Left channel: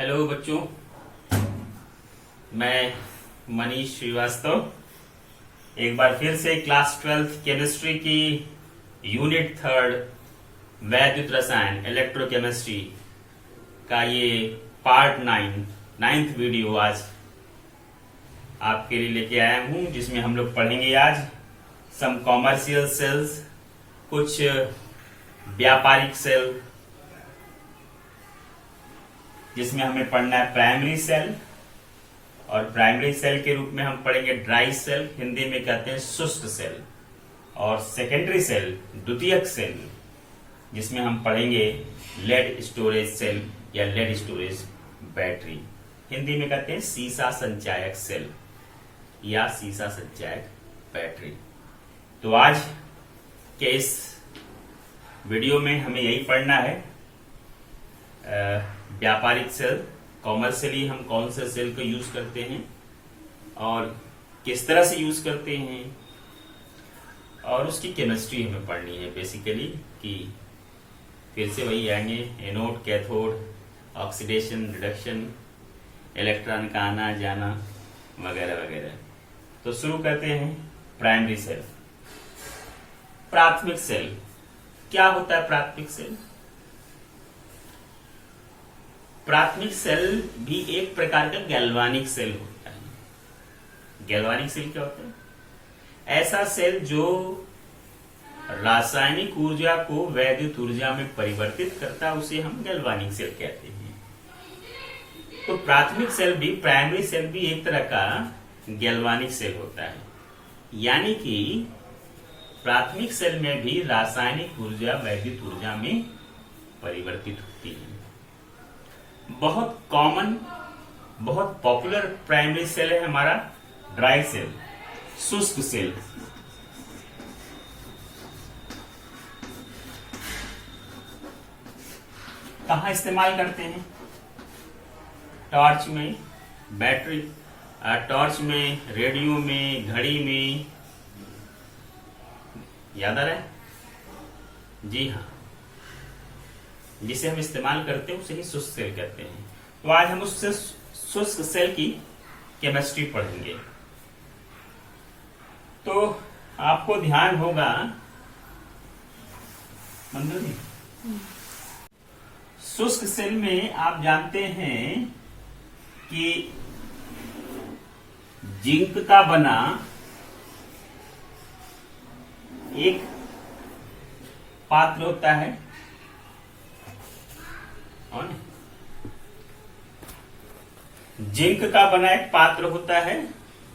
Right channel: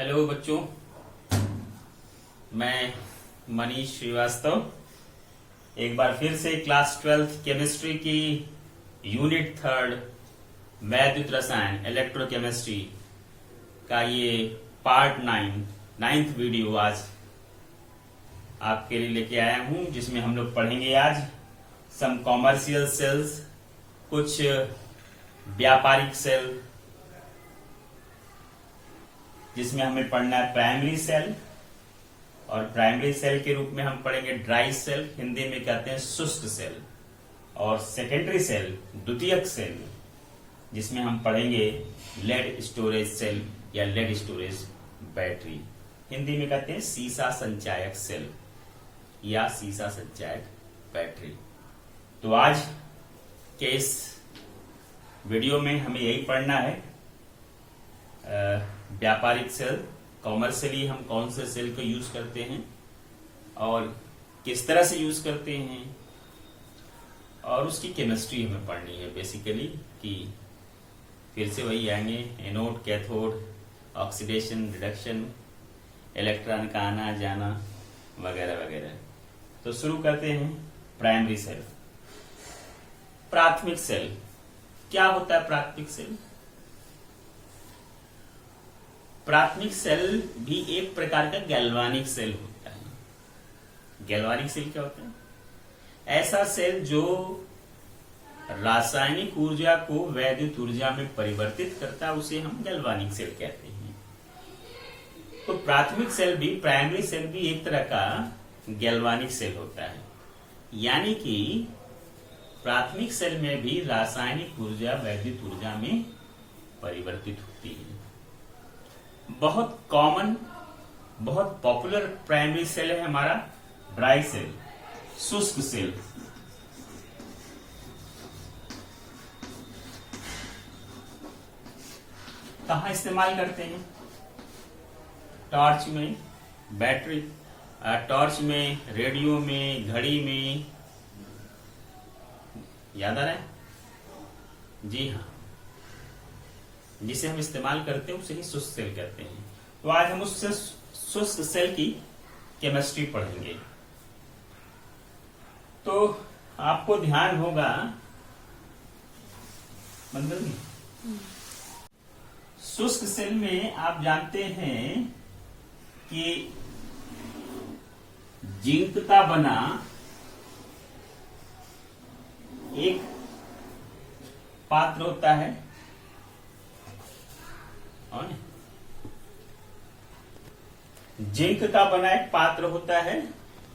Hello बच्चों, मैं मनीष श्रीवास्तव एक बार फिर से क्लास 12th केमिस्ट्री की यूनिट 3 वैद्युत रसायन इलेक्ट्रोकेमिस्ट्री का ये पार्ट 9th वीडियो आज आपके लिए लेके आया हूं, जिसमें हम लोग पढ़ेंगे आज सम कॉमर्शियल सेल्स, कुछ व्यापारिक सेल, जिसमें हमें पढ़ना है प्राइमरी सेल, और प्राइमरी सेल के रूप में हम पढ़ेंगे ड्राई सेल, हिंदी में कहते हैं शुष्क सेल, और सेकेंडरी सेल द्वितीयक सेल, जिसमें हम पढ़ेंगे लेड स्टोरेज सेल या लेड स्टोरेज बैटरी, हिंदी में कहते हैं सीसा संचायक सेल या सीसा संचायक बैटरी। तो आज के इस वीडियो में हमें यही पढ़ना है, व्यापारिक सेल, कॉमर्शियली हम कौन से सेल को यूज करते हैं और किस तरह से यूज करते हैं, और उसकी केमिस्ट्री हमें पढ़नी है बेसिकली, कि फिर से वही आएंगे anode, cathode, oxidation, reduction, electron का आना जाना वगैरह वगैरह। तो शुरू करते हैं प्राइमरी सेल। प्राथमिक सेल क्या होता है? प्राथमिक सेल, प्राथमिक सेल भी एक प्रकार का गैल्वानिक सेल होता है। गैल्वानिक सेल क्या होता है? ऐसा सेल जो रासायनिक ऊर्जा को वैद्युत ऊर्जा में परिवर्तित करता है, उसे हम गैल्वानिक सेल कहते हैं। तो प्राथमिक सेल भी, प्राइमरी सेल भी एक तरह का गैल्वानिक सेल होता है, यानी कि प्राथमिक सेल में भी रासायनिक ऊर्जा वैद्युत ऊर्जा में परिवर्तित होती है। बहुत कॉमन, बहुत पॉपुलर प्राइमरी सेल है हमारा ड्राई सेल, शुष्क सेल। कहां इस्तेमाल करते हैं? टॉर्च में, बैटरी, टॉर्च में, रेडियो में, घड़ी में, याद आ रहा है? जी हाँ, जिसे हम इस्तेमाल करते हैं उसे ही शुष्क सेल कहते हैं। तो आज हम उस शुष्क सेल की केमिस्ट्री पढ़ेंगे। तो आपको ध्यान होगा मंदरी, शुष्क सेल में आप जानते हैं कि जिंक का बना एक पात्र होता है, जिंक का बना एक पात्र होता है,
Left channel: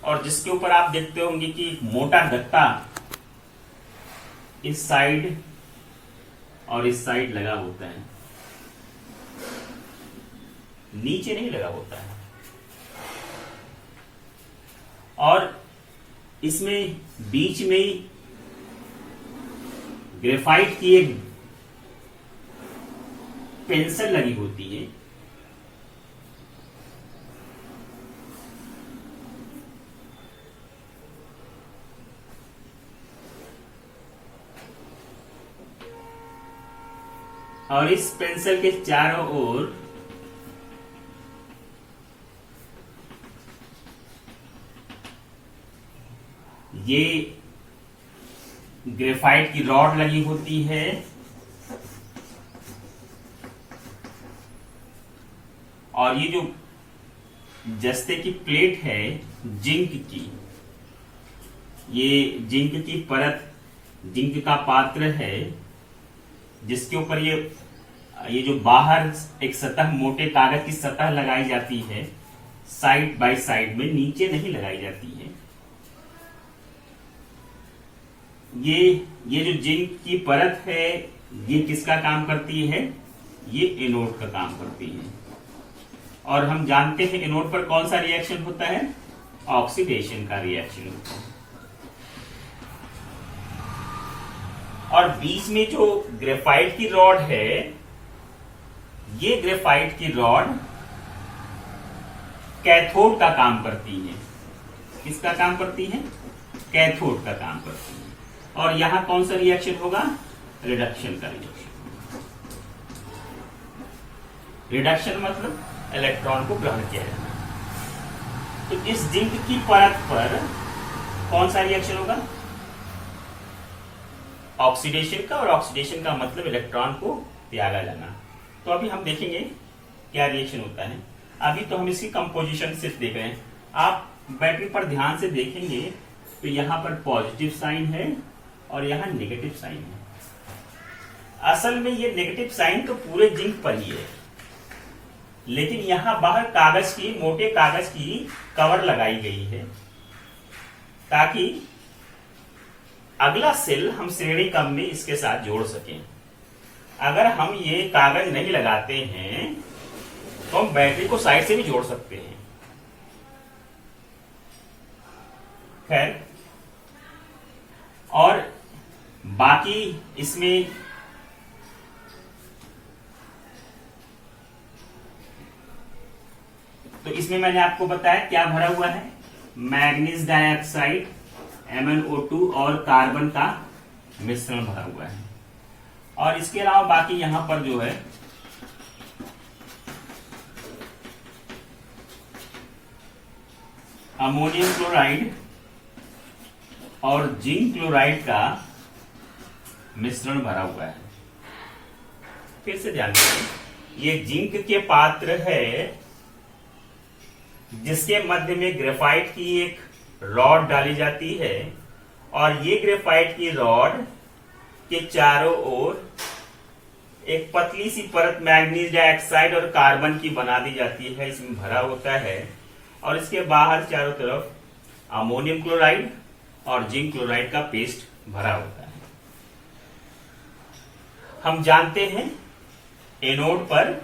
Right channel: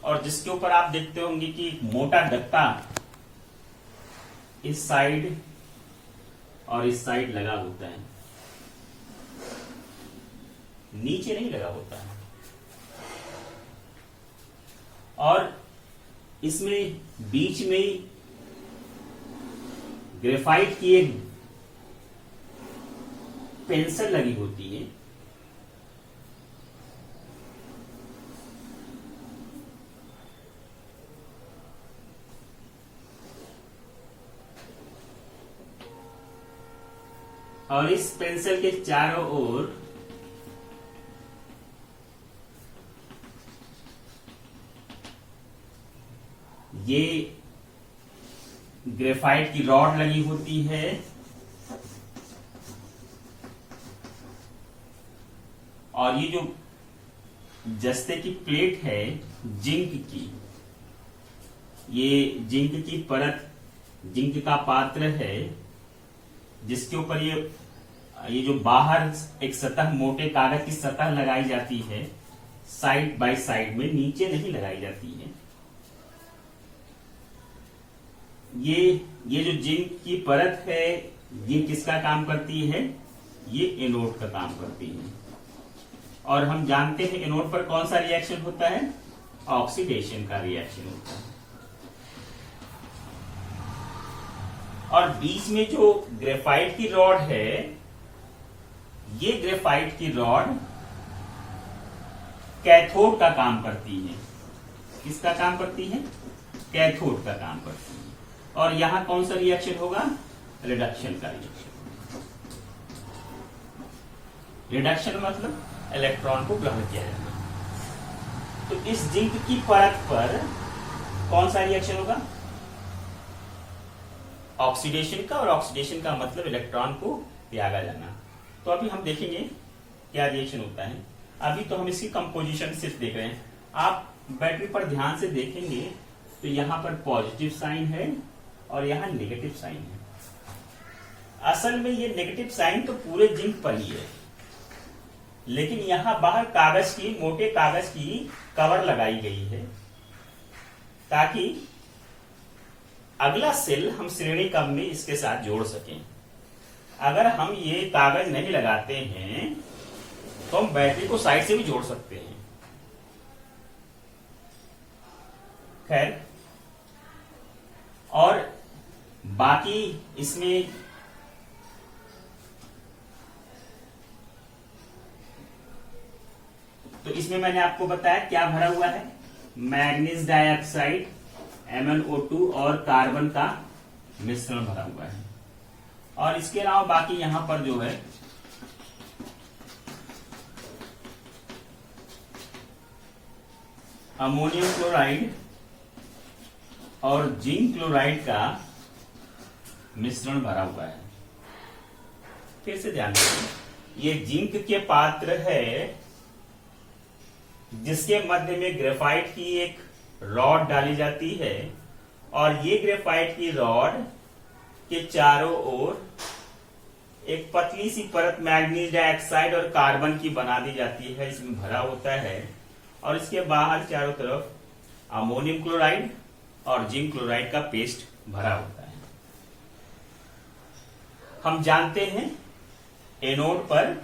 और जिसके ऊपर आप देखते होंगे कि मोटा गत्ता इस साइड और इस साइड लगा होता है, नीचे नहीं लगा होता है। और इसमें बीच में ग्रेफाइट की एक पेंसिल लगी होती है, और इस पेंसिल के चारों ओर ये ग्रेफाइट की रॉड लगी होती है, और ये जो जस्ते की प्लेट है जिंक की, ये जिंक की परत, जिंक का पात्र है, जिसके ऊपर ये जो बाहर एक सतह, मोटे कागज की सतह लगाई जाती है, साइड बाय साइड में, नीचे नहीं लगाई जाती है। ये जो जिंक की परत है, ये किसका काम करती है? ये एनोड का काम करती है। और हम जानते हैं एनोड पर कौन सा रिएक्शन होता है? ऑक्सीडेशन का रिएक्शन होता है। और बीच में जो ग्रेफाइट की रॉड है, ये ग्रेफाइट की रॉड कैथोड का काम करती है। किसका काम करती है? कैथोड का काम करती है। और यहां कौन सा रिएक्शन होगा? रिडक्शन का रिएक्शन। रिडक्शन मतलब इलेक्ट्रॉन को ग्रहण किया जाना। तो इस जिंक की परत पर कौन सा रिएक्शन होगा? ऑक्सीडेशन का, और ऑक्सीडेशन का मतलब इलेक्ट्रॉन को त्यागा जाना। तो अभी हम देखेंगे क्या रिएक्शन होता है। अभी तो हम इसकी कंपोजिशन सिर्फ देख रहे हैं। आप बैटरी पर ध्यान से देखेंगे तो यहां पर पॉजिटिव साइन है और यहां नेगेटिव साइन है। असल में ये नेगेटिव साइन तो पूरे जिंक पर ही है, लेकिन यहां बाहर कागज की, मोटे कागज की कवर लगाई गई है ताकि अगला सेल हम श्रेणी क्रम में इसके साथ जोड़ सकें। अगर हम ये कागज नहीं लगाते हैं तो हम बैटरी को साइड से भी जोड़ सकते हैं। खैर, और बाकी इसमें तो इसमें मैंने आपको बताया क्या भरा हुआ है, मैग्नीज डाइऑक्साइड MnO2 और कार्बन का मिश्रण भरा हुआ है। और इसके अलावा बाकी यहां पर जो है अमोनियम क्लोराइड और जिंक क्लोराइड का मिश्रण भरा हुआ है। फिर से ध्यान दें, ये जिंक के पात्र है जिसके मध्य में ग्रेफाइट की एक रॉड डाली जाती है, और ये ग्रेफाइट की रॉड के चारों ओर एक पतली सी परत मैग्नीज डाइऑक्साइड और कार्बन की बना दी जाती है, इसमें भरा होता है। और इसके बाहर चारों तरफ अमोनियम क्लोराइड और जिंक क्लोराइड का पेस्ट भरा होता है। हम जानते हैं एनोड पर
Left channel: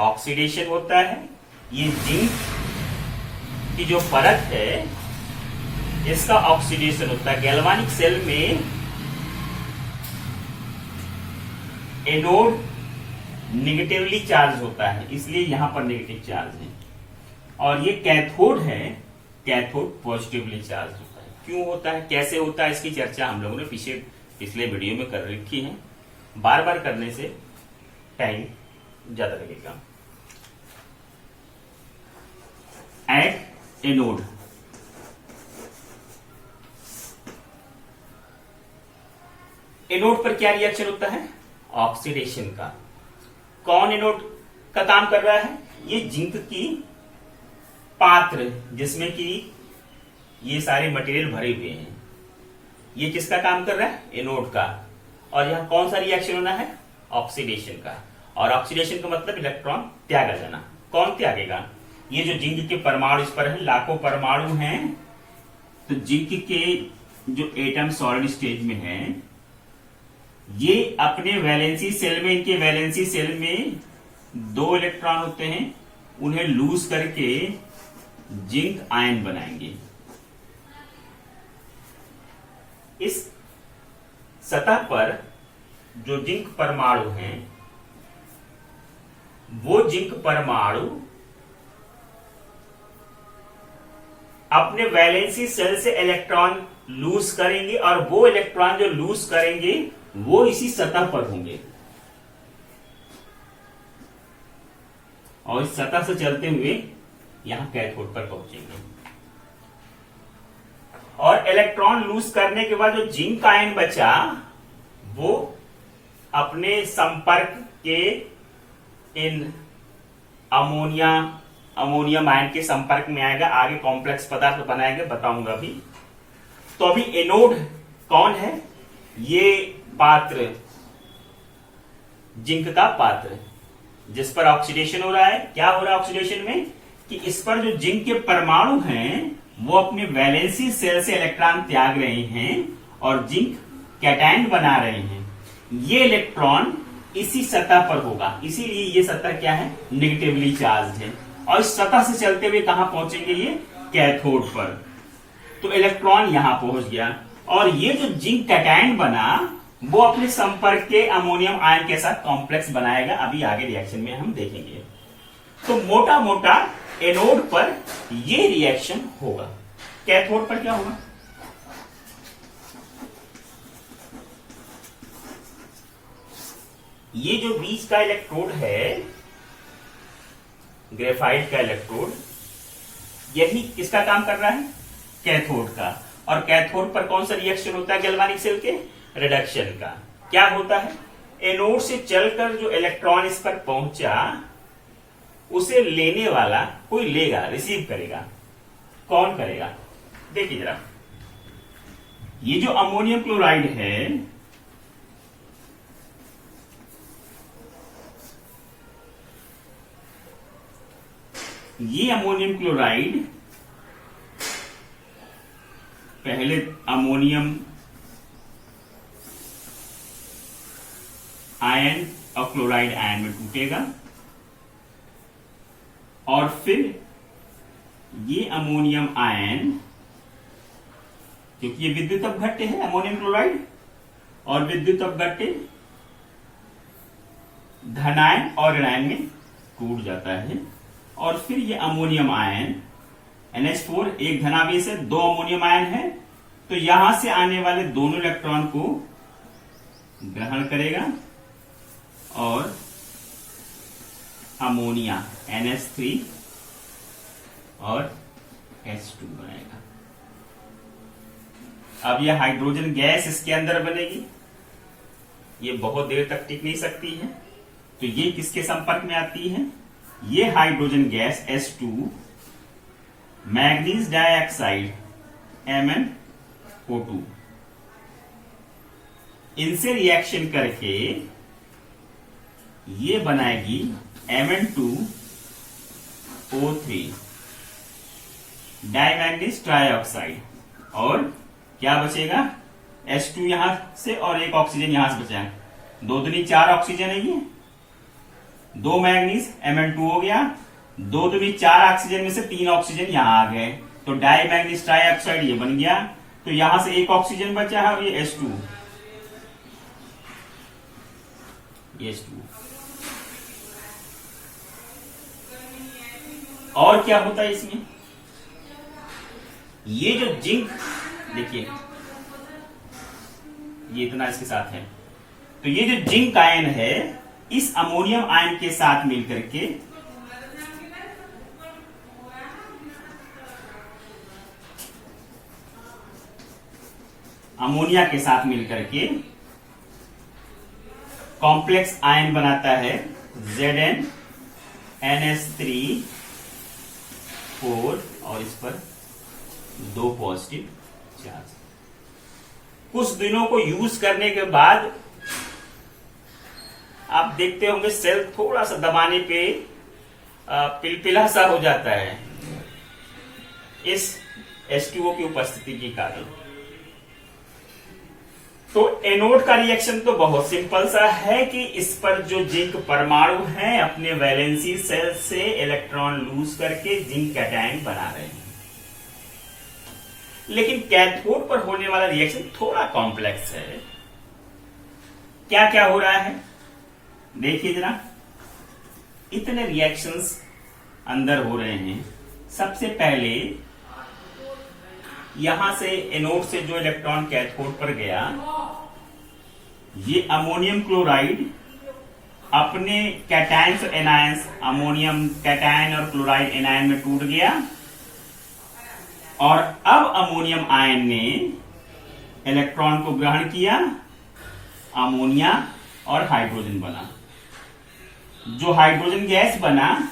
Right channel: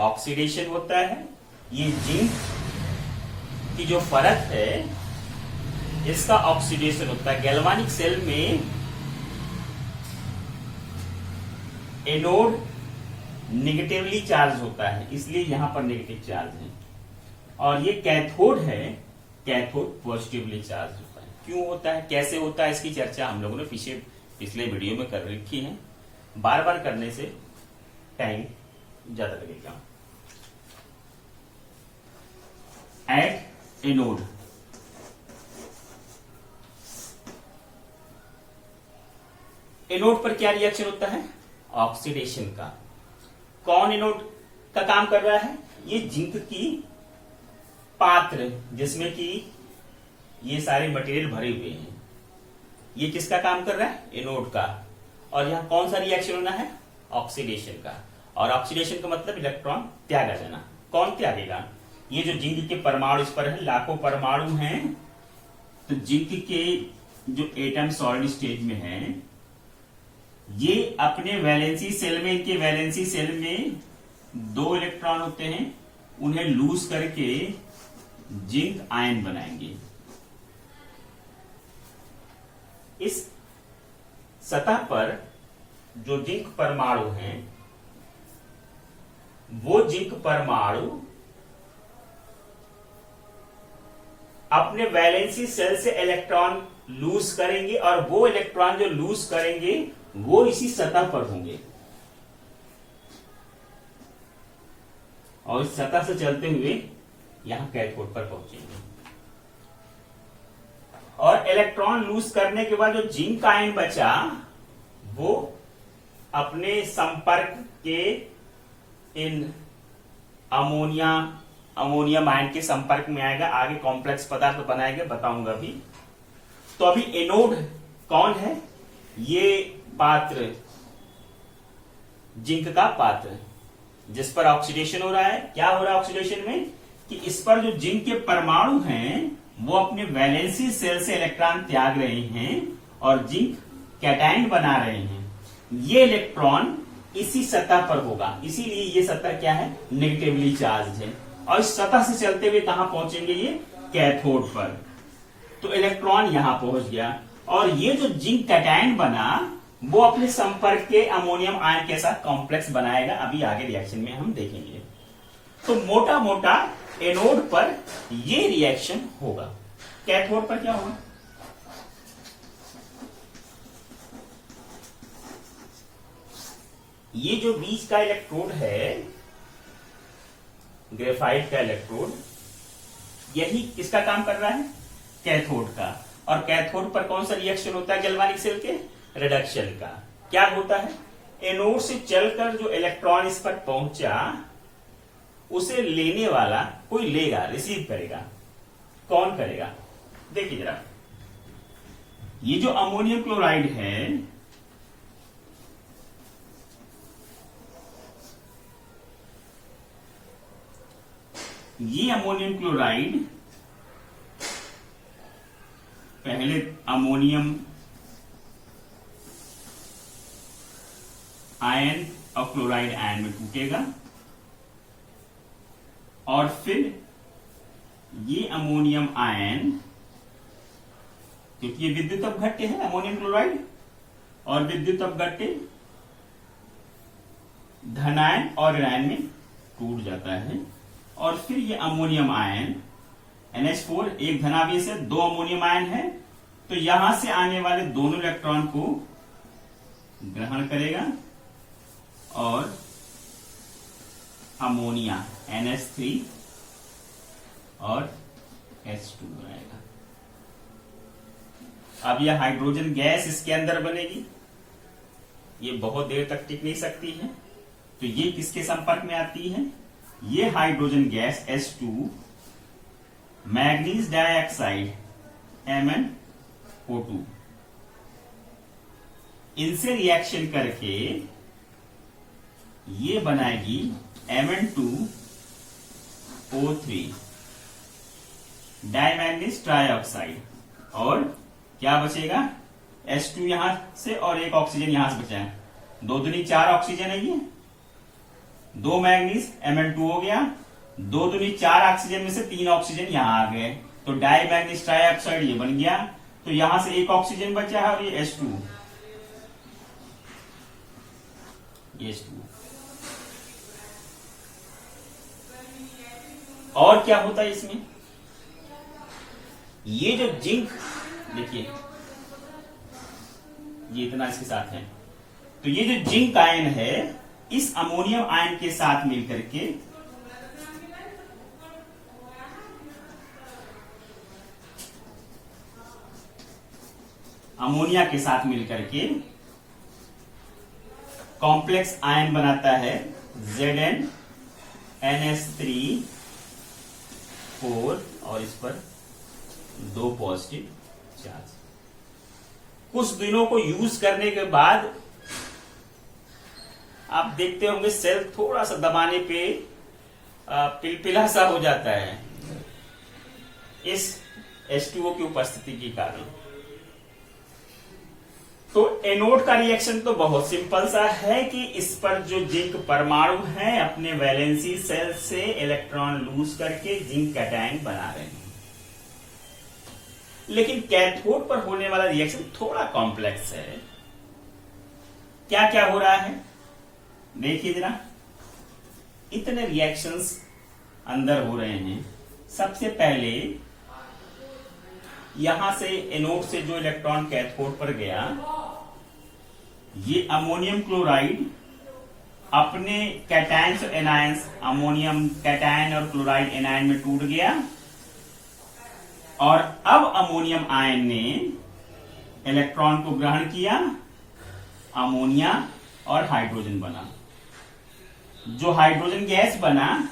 ऑक्सीडेशन होता है। ये जिंक की जो परत है इसका ऑक्सीडेशन होता है। गैल्वानिक सेल में एनोड निगेटिवली चार्ज होता है, इसलिए यहां पर नेगेटिव चार्ज है, और ये कैथोड है, कैथोड पॉजिटिवली चार्ज होता है। क्यों होता है, कैसे होता है, इसकी चर्चा हम लोगों ने पिछले वीडियो में कर रखी है। बार बार करने से टाइम ज्यादा लगेगा। एट एनोड, एनोड पर क्या रिएक्शन होता है? ऑक्सीडेशन का। कौन एनोड का काम कर रहा है? ये जिंक की पात्र जिसमें कि ये सारे मटेरियल भरे हुए हैं, ये किसका काम कर रहा है? एनोड का। और यहां कौन सा रिएक्शन होना है? ऑक्सीडेशन का। और ऑक्सीडेशन का मतलब इलेक्ट्रॉन त्यागा जाना। कौन त्यागेगा? ये जो जिंक के परमाणु इस पर है, लाखों परमाणु हैं, तो जिंक के जो एटम सॉलिड स्टेज में हैं, ये अपने वैलेंसी सेल में, इनके वैलेंसी सेल में 2 इलेक्ट्रॉन होते हैं, उन्हें लूज करके जिंक आयन बनाएंगे। इस सतह पर जो जिंक परमाणु हैं, वो जिंक परमाणु अपने वैलेंसी सेल से इलेक्ट्रॉन लूज करेंगे, और वो इलेक्ट्रॉन जो लूज करेंगे वो इसी सतह पर होंगे, और इस सतह से चलते हुए यहां कैथोड पर पहुंचेंगे। और इलेक्ट्रॉन लूज करने के बाद जो जिंक आयन बचा वो अपने संपर्क के इन अमोनियम आयन के संपर्क में आएगा, आगे कॉम्प्लेक्स पदार्थ बनाएगा, बताऊंगा अभी। तो अभी एनोड कौन है? ये पात्र, जिंक का पात्र जिस पर ऑक्सीडेशन हो रहा है। क्या हो रहा है ऑक्सीडेशन में? कि इस पर जो जिंक के परमाणु हैं वो अपने वैलेंसी सेल से इलेक्ट्रॉन त्याग रहे हैं और जिंक कैटायन बना रहे हैं। ये इलेक्ट्रॉन इसी सतह पर होगा, इसीलिए ये सतह क्या है? नेगेटिवली चार्ज है। और इस सतह से चलते हुए कहां पहुंचेंगे? ये कैथोड पर। तो इलेक्ट्रॉन यहां पहुंच गया, और ये जो जिंक कैटायन बना वो अपने संपर्क के अमोनियम आयन के साथ कॉम्प्लेक्स बनाएगा। अभी आगे रिएक्शन में हम देखेंगे। तो मोटा मोटा एनोड पर ये रिएक्शन होगा। कैथोड पर क्या होगा? ये जो बीच का इलेक्ट्रोड है, ग्रेफाइट का इलेक्ट्रोड, यही किसका काम कर रहा है, कैथोड का। और कैथोड पर कौन सा रिएक्शन होता है गैल्वानिक सेल के, रिडक्शन का। क्या होता है, एनोड से चलकर जो इलेक्ट्रॉन इस पर पहुंचा उसे लेने वाला कोई लेगा, रिसीव करेगा। कौन करेगा, देखिए जरा, ये जो अमोनियम क्लोराइड है, ये अमोनियम क्लोराइड पहले अमोनियम आयन और क्लोराइड आयन में टूटेगा और फिर ये अमोनियम आयन, क्योंकि ये विद्युत अपघट्य है अमोनियम क्लोराइड, और विद्युत अपघट्य धनायन और ऋणायन में टूट जाता है। और फिर ये अमोनियम आयन NH4 एक धनावेश है, 2 अमोनियम आयन है, तो यहां से आने वाले दोनों इलेक्ट्रॉन को ग्रहण करेगा और अमोनिया NH3 और H2 बनाएगा। अब यह हाइड्रोजन गैस इसके अंदर बनेगी, ये बहुत देर तक टिक नहीं सकती है, तो ये किसके संपर्क में आती है, ये hydrogen gas H2 manganese dioxide MnO2 इनसे रिएक्शन करके ये बनाएगी Mn2O3 डाइमैग्नीज ट्राइऑक्साइड, और क्या बचेगा, H2 यहां से और एक ऑक्सीजन यहां से बचा, 2 दूनी 4 ऑक्सीजन है, ये 2 मैग्नीज Mn2 हो गया, 2 दूनी 4 ऑक्सीजन में से 3 ऑक्सीजन यहां आ गए, तो डाइमैग्नीज ट्राइऑक्साइड ये बन गया। तो यहां से एक ऑक्सीजन बचा है और ये H2, और क्या होता है इसमें, ये जो जिंक, देखिए ये इतना इसके साथ है, तो ये जो जिंक आयन है इस अमोनियम आयन के साथ मिलकर के अमोनिया के साथ मिलकर के कॉम्प्लेक्स आयन बनाता है ZnNH3 4 और इस पर 2 पॉजिटिव चार्ज। कुछ दिनों को यूज करने के बाद आप देखते होंगे सेल थोड़ा सा दबाने पे पिलपिला सा हो जाता है इस H2O की उपस्थिति के कारण। तो एनोड का रिएक्शन तो बहुत सिंपल सा है कि इस पर जो जिंक परमाणु हैं अपने वैलेंसी सेल से इलेक्ट्रॉन लूज करके जिंक कैटायन बना रहे हैं। लेकिन कैथोड पर होने वाला रिएक्शन थोड़ा कॉम्प्लेक्स है। क्या क्या हो रहा है देखिए जरा, इतने रिएक्शंस अंदर हो रहे हैं। सबसे पहले यहां से एनोड से जो इलेक्ट्रॉन कैथोड पर गया, ये अमोनियम क्लोराइड अपने कैटायंस और एनायंस, अमोनियम कैटायन और क्लोराइड एनायन में टूट गया, और अब अमोनियम आयन ने इलेक्ट्रॉन को ग्रहण किया, अमोनिया और हाइड्रोजन बना। जो हाइड्रोजन गैस बना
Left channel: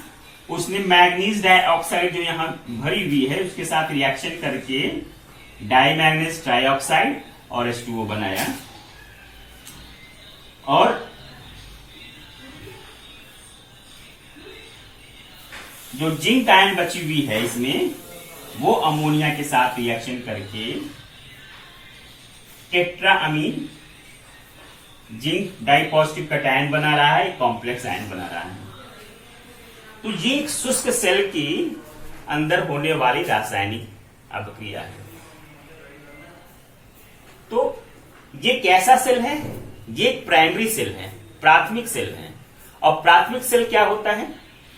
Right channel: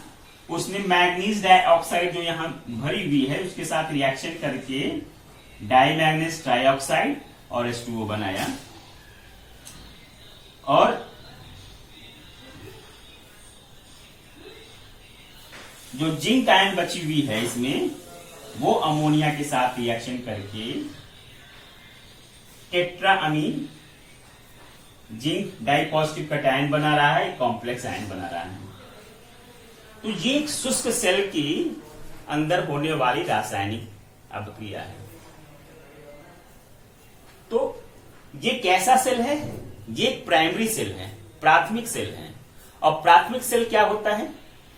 उसने मैग्नीज डाइऑक्साइड जो यहां भरी हुई है उसके साथ रिएक्शन करके डाइमैग्नीज ट्राइऑक्साइड और H2O बनाया, और जो जिंक आयन बची हुई है इसमें वो अमोनिया के साथ रिएक्शन करके tetra amine zinc die positive cation बना रहा है, कॉम्प्लेक्स आयन बना रहा है। तो ये एक शुष्क सेल की अंदर होने वाली रासायनिक अभिक्रिया है। तो ये कैसा सेल है, ये एक प्राइमरी सेल है, प्राथमिक सेल है। और प्राथमिक सेल क्या होता है,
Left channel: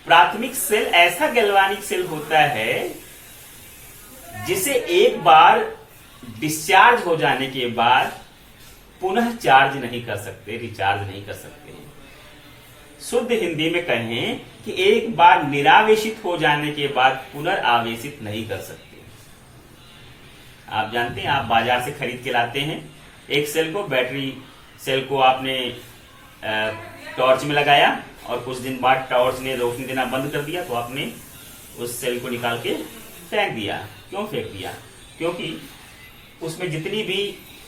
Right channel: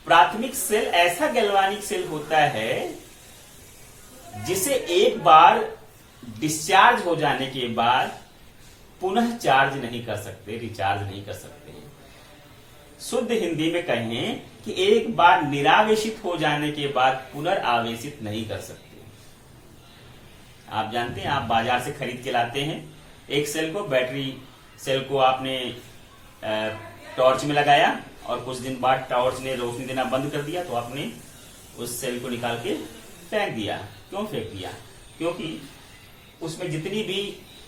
प्राथमिक सेल ऐसा गैल्वानिक सेल होता है जिसे एक बार डिस्चार्ज हो जाने के बाद पुनः चार्ज नहीं कर सकते, रिचार्ज नहीं कर सकते। शुद्ध हिंदी में कहें कि एक बार निरावेशित हो जाने के बाद पुनर्आवेशित नहीं कर सकते। आप जानते हैं, आप बाजार से खरीद के लाते हैं एक सेल को, बैटरी सेल को आपने टॉर्च में लगाया और कुछ दिन बाद टॉर्च ने रोशनी देना बंद कर दिया, तो आपने उस सेल को निकाल के फेंक दिया। क्यों फेंक दिया? क्योंकि उसमें जितनी भी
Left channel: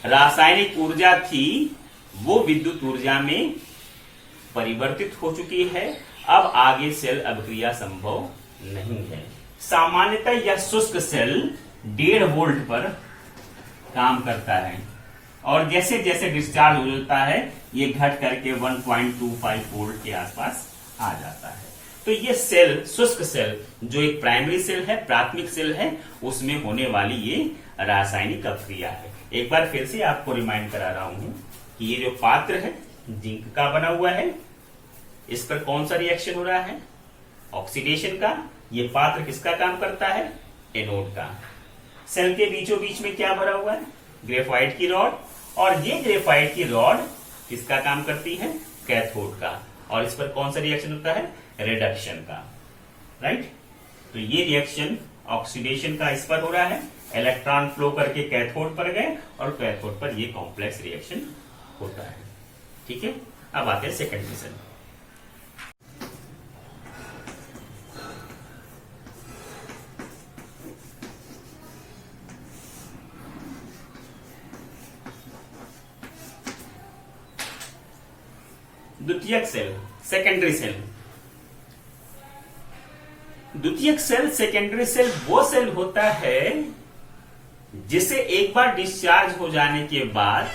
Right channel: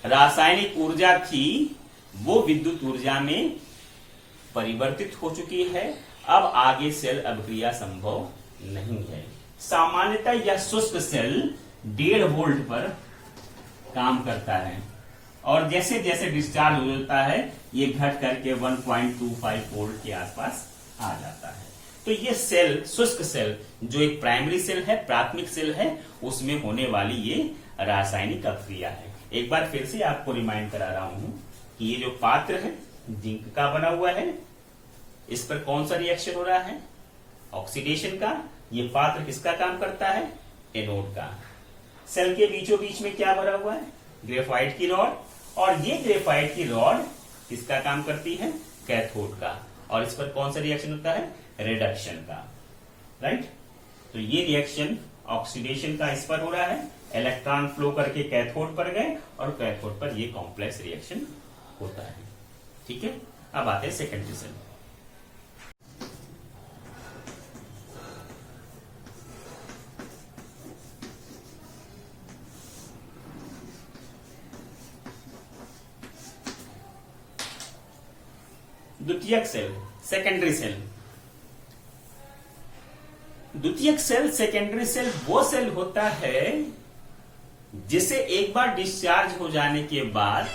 रासायनिक ऊर्जा थी वो विद्युत ऊर्जा में परिवर्तित हो चुकी है। अब आगे सेल अभिक्रिया संभव नहीं है। सामान्यतः यह शुष्क सेल 1.5 वोल्ट पर काम करता है और जैसे जैसे डिस्चार्ज होता है ये घट करके 1.25 वोल्ट के आसपास आ जाता है। तो ये सेल, शुष्क सेल, जो एक प्राइमरी सेल है, प्राथमिक सेल है, उसमें होने वाली ये रासायनिक अभिक्रिया है। एक बार फिर से आपको रिमाइंड करा रहा हूं कि ये जो पात्र है जिंक का बना हुआ है, इस पर कौन सा रिएक्शन हो रहा है? ऑक्सीडेशन का। ये पात्र किसका काम करता है? एनोड का। सेल के बीचों बीच में क्या भरा हुआ है? ग्रेफाइट की रॉड। और ये ग्रेफाइट की रॉड किसका काम करती है? कैथोड का। और इस पर कौन सा रिएक्शन होता है? रिडक्शन का। राइट। तो ये रिएक्शन ऑक्सीडेशन का इस पर हो रहा है, इलेक्ट्रॉन फ्लो करके कैथोड पर गए और कैथोड पर ये कॉम्प्लेक्स रिएक्शन होता है। ठीक है। अब आते हैं सेकेंडरी सेल। द्वितीयक सेल, सेकेंडरी सेल। द्वितीयक सेल, सेकेंडरी सेल वो सेल होता है जिसे एक बार डिस्चार्ज हो जाने के बाद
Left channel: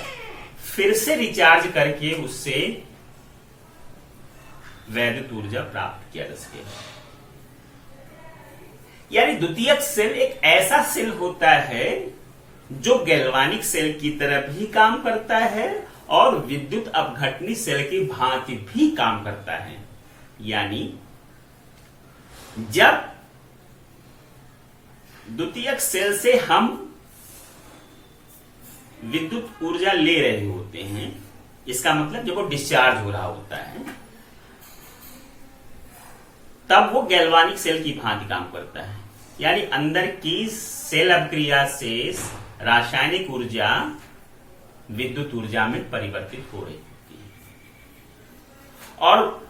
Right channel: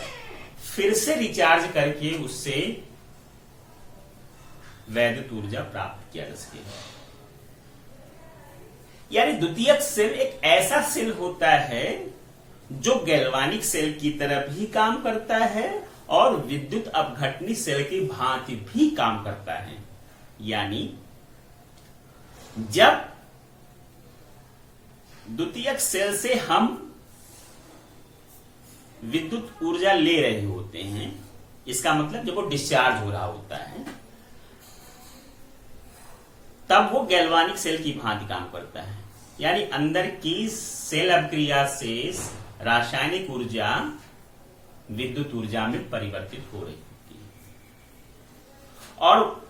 फिर से रिचार्ज करके उससे वैद्युत ऊर्जा प्राप्त किया जा सके। यानी द्वितीयक सेल एक ऐसा सेल होता है जो गैल्वानिक सेल की तरह भी काम करता है और विद्युत अपघटनी सेल की भांति भी काम करता है। यानी जब द्वितीयक सेल से हम विद्युत ऊर्जा ले रहे होते हैं, इसका मतलब जब वो डिस्चार्ज हो रहा होता है, तब वो गैल्वानिक सेल की भांति काम करता है। यानी अंदर की सेल अभिक्रिया से रासायनिक ऊर्जा विद्युत ऊर्जा में परिवर्तित हो रही होती है। और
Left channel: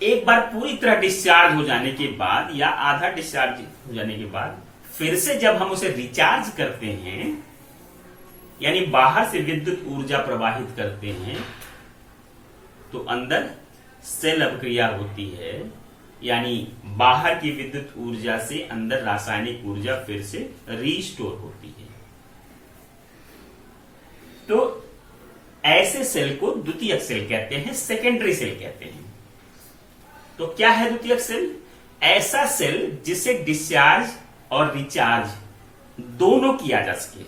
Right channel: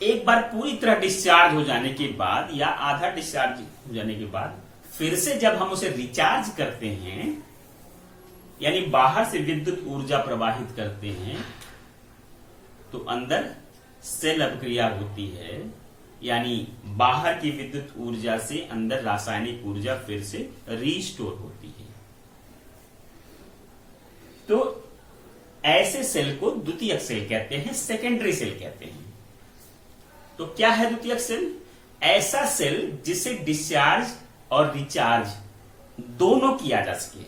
एक बार पूरी तरह डिस्चार्ज हो जाने के बाद या आधा डिस्चार्ज हो जाने के बाद फिर से जब हम उसे रिचार्ज करते हैं, यानी बाहर से विद्युत ऊर्जा प्रवाहित करते हैं, तो अंदर सेल अभिक्रिया होती है। यानी बाहर की विद्युत ऊर्जा से अंदर रासायनिक ऊर्जा फिर से रीस्टोर होती है। तो ऐसे सेल को द्वितीयक सेल कहते हैं, सेकेंडरी सेल कहते हैं। तो क्या है द्वितीयक सेल? ऐसा सेल जिसे डिस्चार्ज और रिचार्ज दोनों किया जा सके,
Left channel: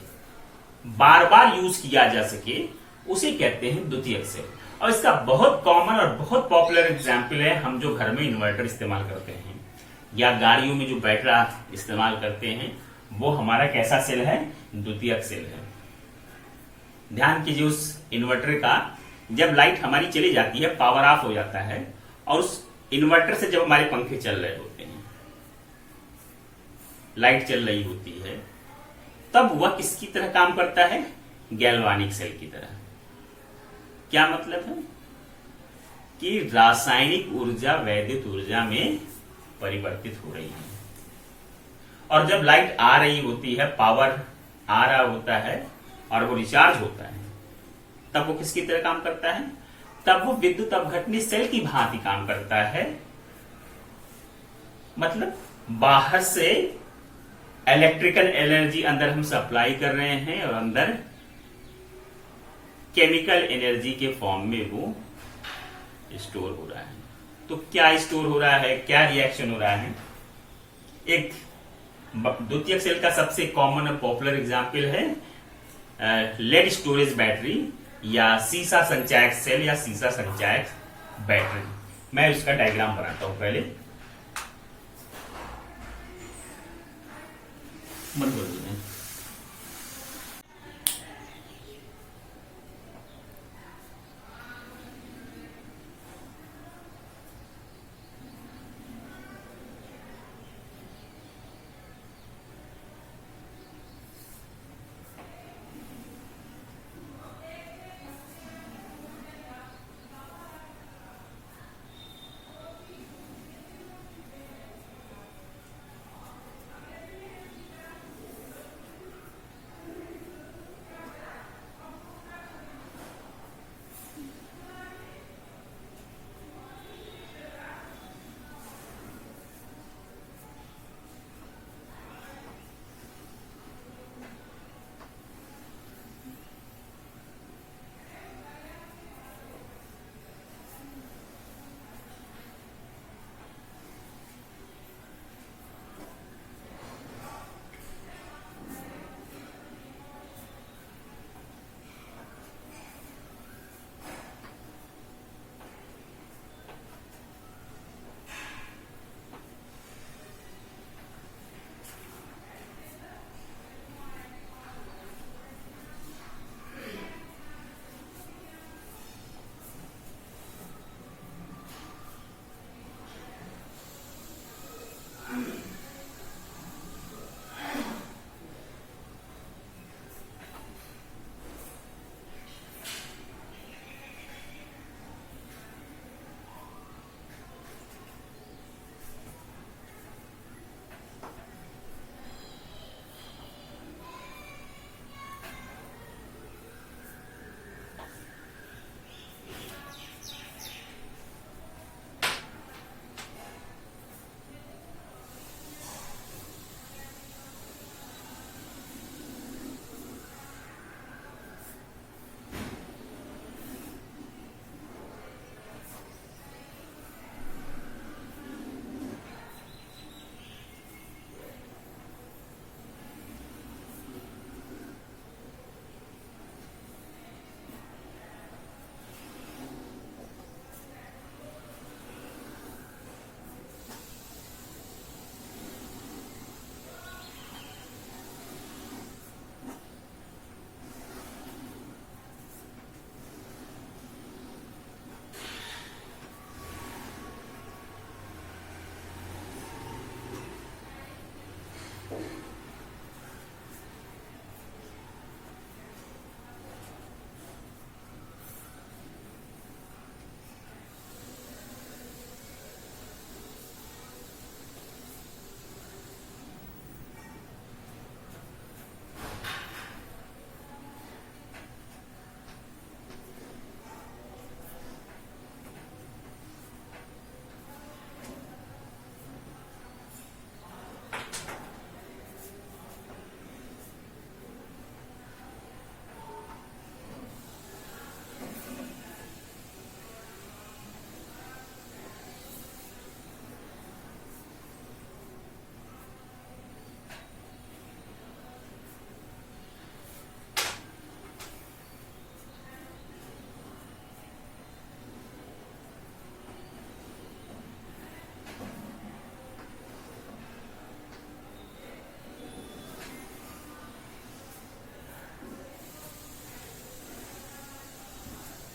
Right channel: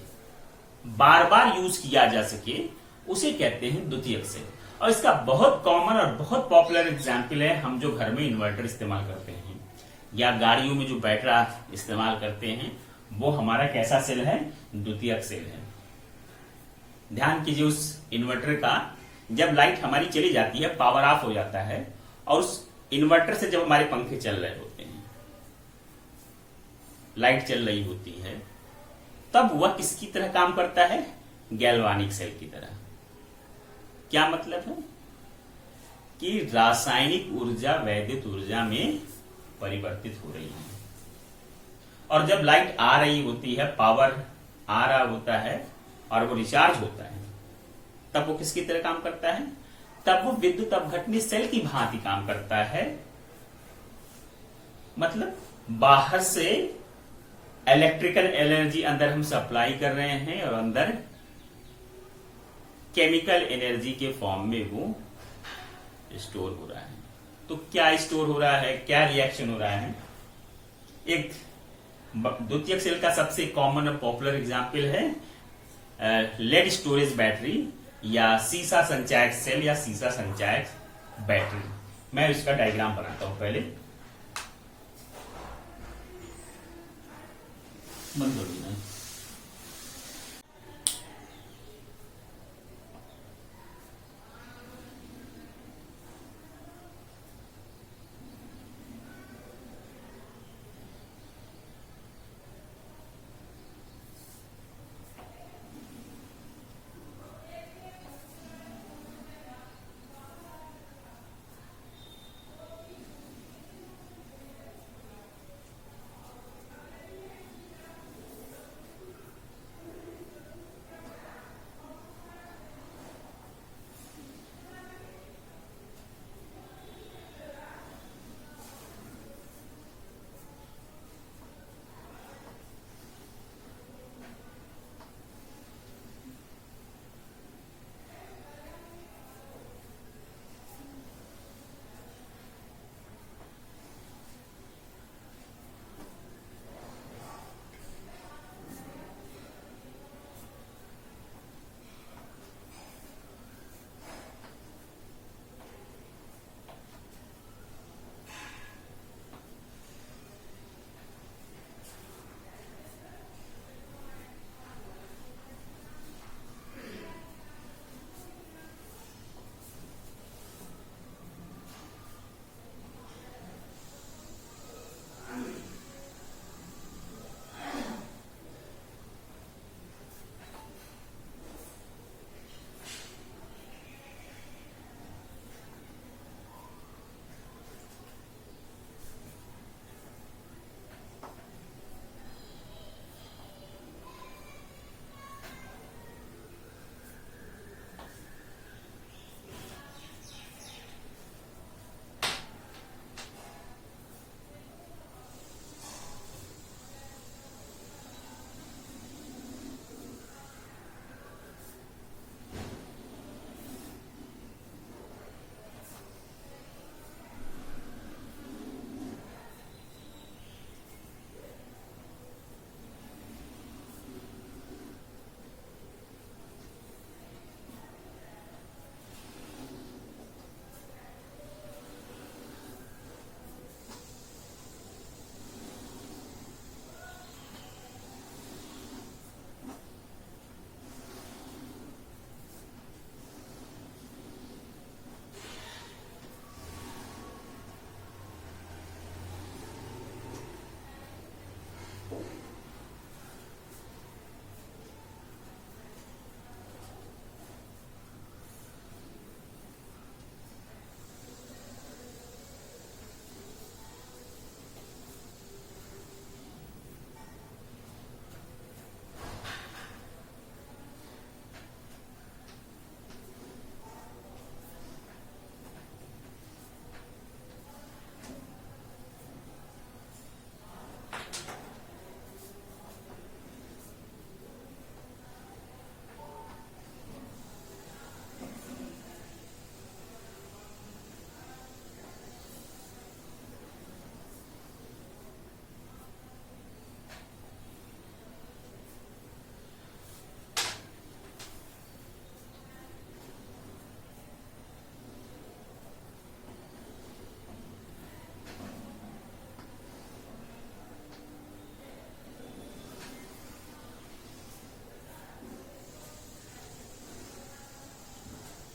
बार बार यूज किया जा सके, उसे कहते हैं द्वितीयक सेल। और इसका बहुत कॉमन और बहुत पॉपुलर एग्जाम्पल है हम जो घर में इन्वर्टर इस्तेमाल करते हैं या गाड़ियों में जो बैटरी इस्तेमाल करते हैं, वो हमारा कैसा सेल है? द्वितीयक सेल है। ध्यान कीजिए, उस इन्वर्टर का जब लाइट हमारी चली जाती है, पावर ऑफ हो जाता है, और उस इन्वर्टर से जब हमारे पंखे चल रहे होते हैं, लाइट चल रही होती है, तब वह किसकी तरह काम करता है? गैल्वानिक सेल की तरह। क्या मतलब है? कि रासायनिक ऊर्जा वैद्युत ऊर्जा में परिवर्तित हो रही है। और जब लाइट आ रही होती है, पावर आ रहा होता है और वो रिचार्ज होता है, तब वो किसकी तरह काम करता है? तब वो विद्युत अपघटनी सेल की भांति काम करता है। मतलब बाहर से इलेक्ट्रिकल एनर्जी अंदर हम सप्लाई कर रहे हैं और अंदर केमिकल एनर्जी के फॉर्म में वो स्टोर हो रहा है। तो क्या स्टोर हो रहा है, क्या रिएक्शन हो रहा है? एक द्वितीयक सेल का सबसे कॉमन और पॉपुलर एग्जाम्पल है लेड स्टोरेज बैटरी या सीसा संचायक सेल या सीसा संचायक बैटरी। मैं इसका डायग्राम बनाता हूं पहले। बंद कर दूं।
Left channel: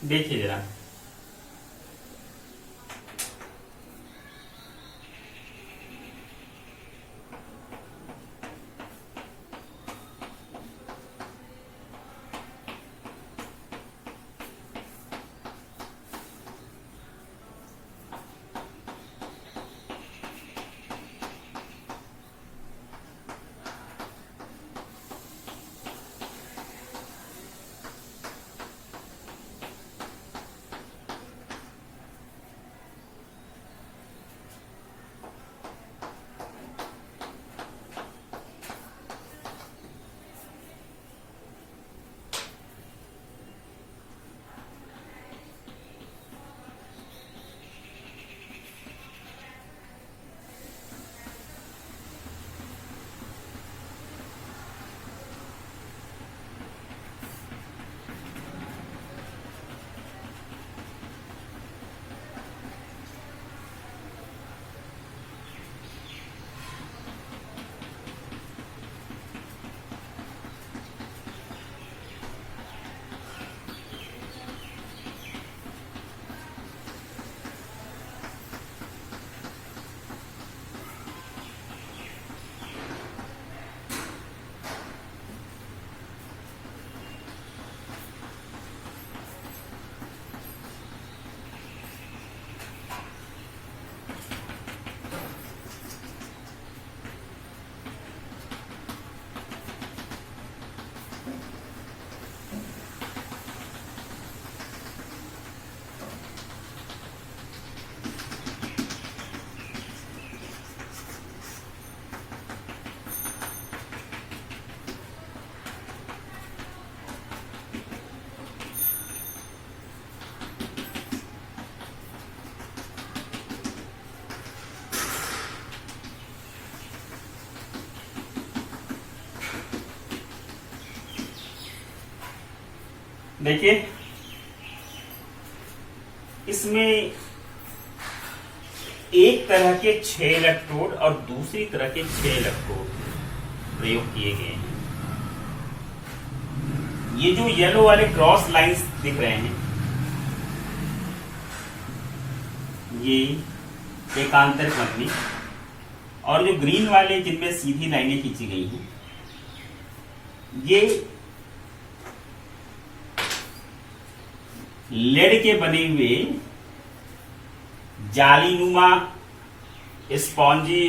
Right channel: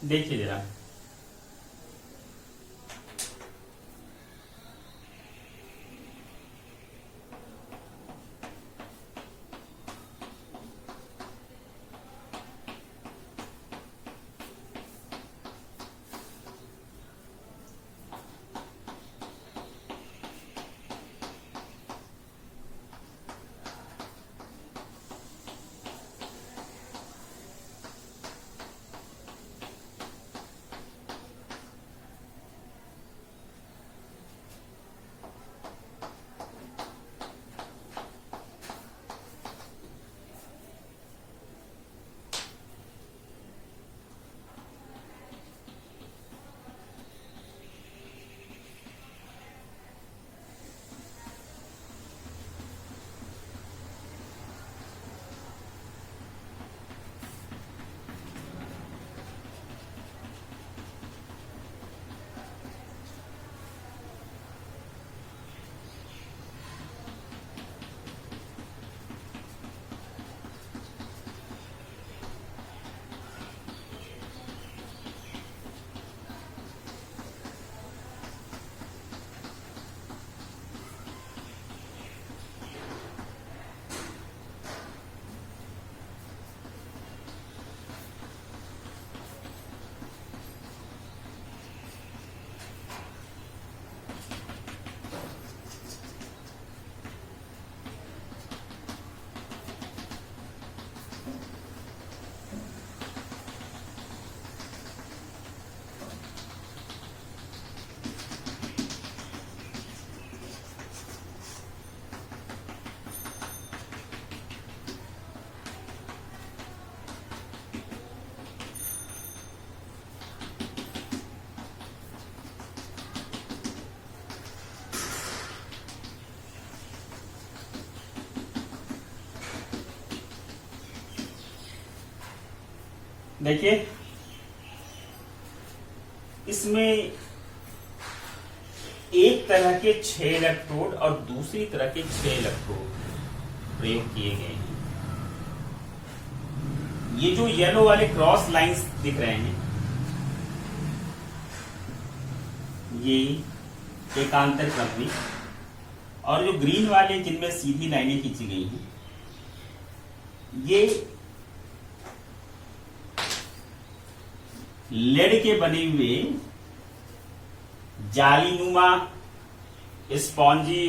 देखिए जरा, देखिए इसमें एक तरह के 6 इलेक्ट्रोड और दूसरी तरह के 6 इलेक्ट्रोड प्रयोग किए गए हैं। ये जो येलो वाले क्रॉस लाइंस दिख रहे हैं, ये एकांतर क्रम, और जो ग्रीन वाले जिनमें सीधी लाइनें खींची गई हैं, ये लेड के बने हुए जालीनुमा स्पॉन्जी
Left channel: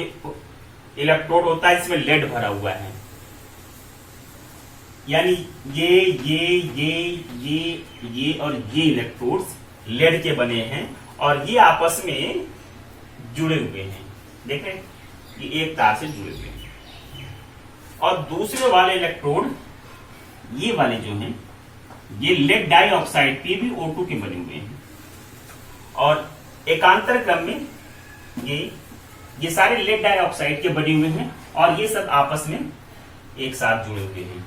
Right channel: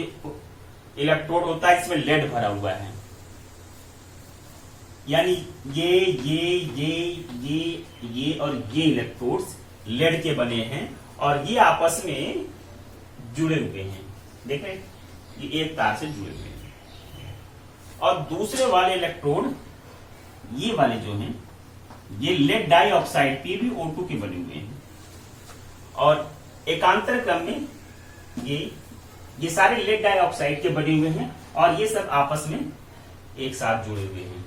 इलेक्ट्रोड होता है, इसमें लेड भरा हुआ है। यानी ये और ये इलेक्ट्रोड्स लेड के बने हैं और ये आपस में जुड़े हुए हैं। देखें, ये एक तार से जुड़े हुए हैं। और दूसरे वाले इलेक्ट्रोड, ये वाले जो हैं, ये लेड डाइऑक्साइड PbO2 के बने हुए हैं। और एकांतर क्रम में ये सारे लेड डाइऑक्साइड के बने हुए हैं और ये सब आपस में एक साथ जुड़े हुए हैं।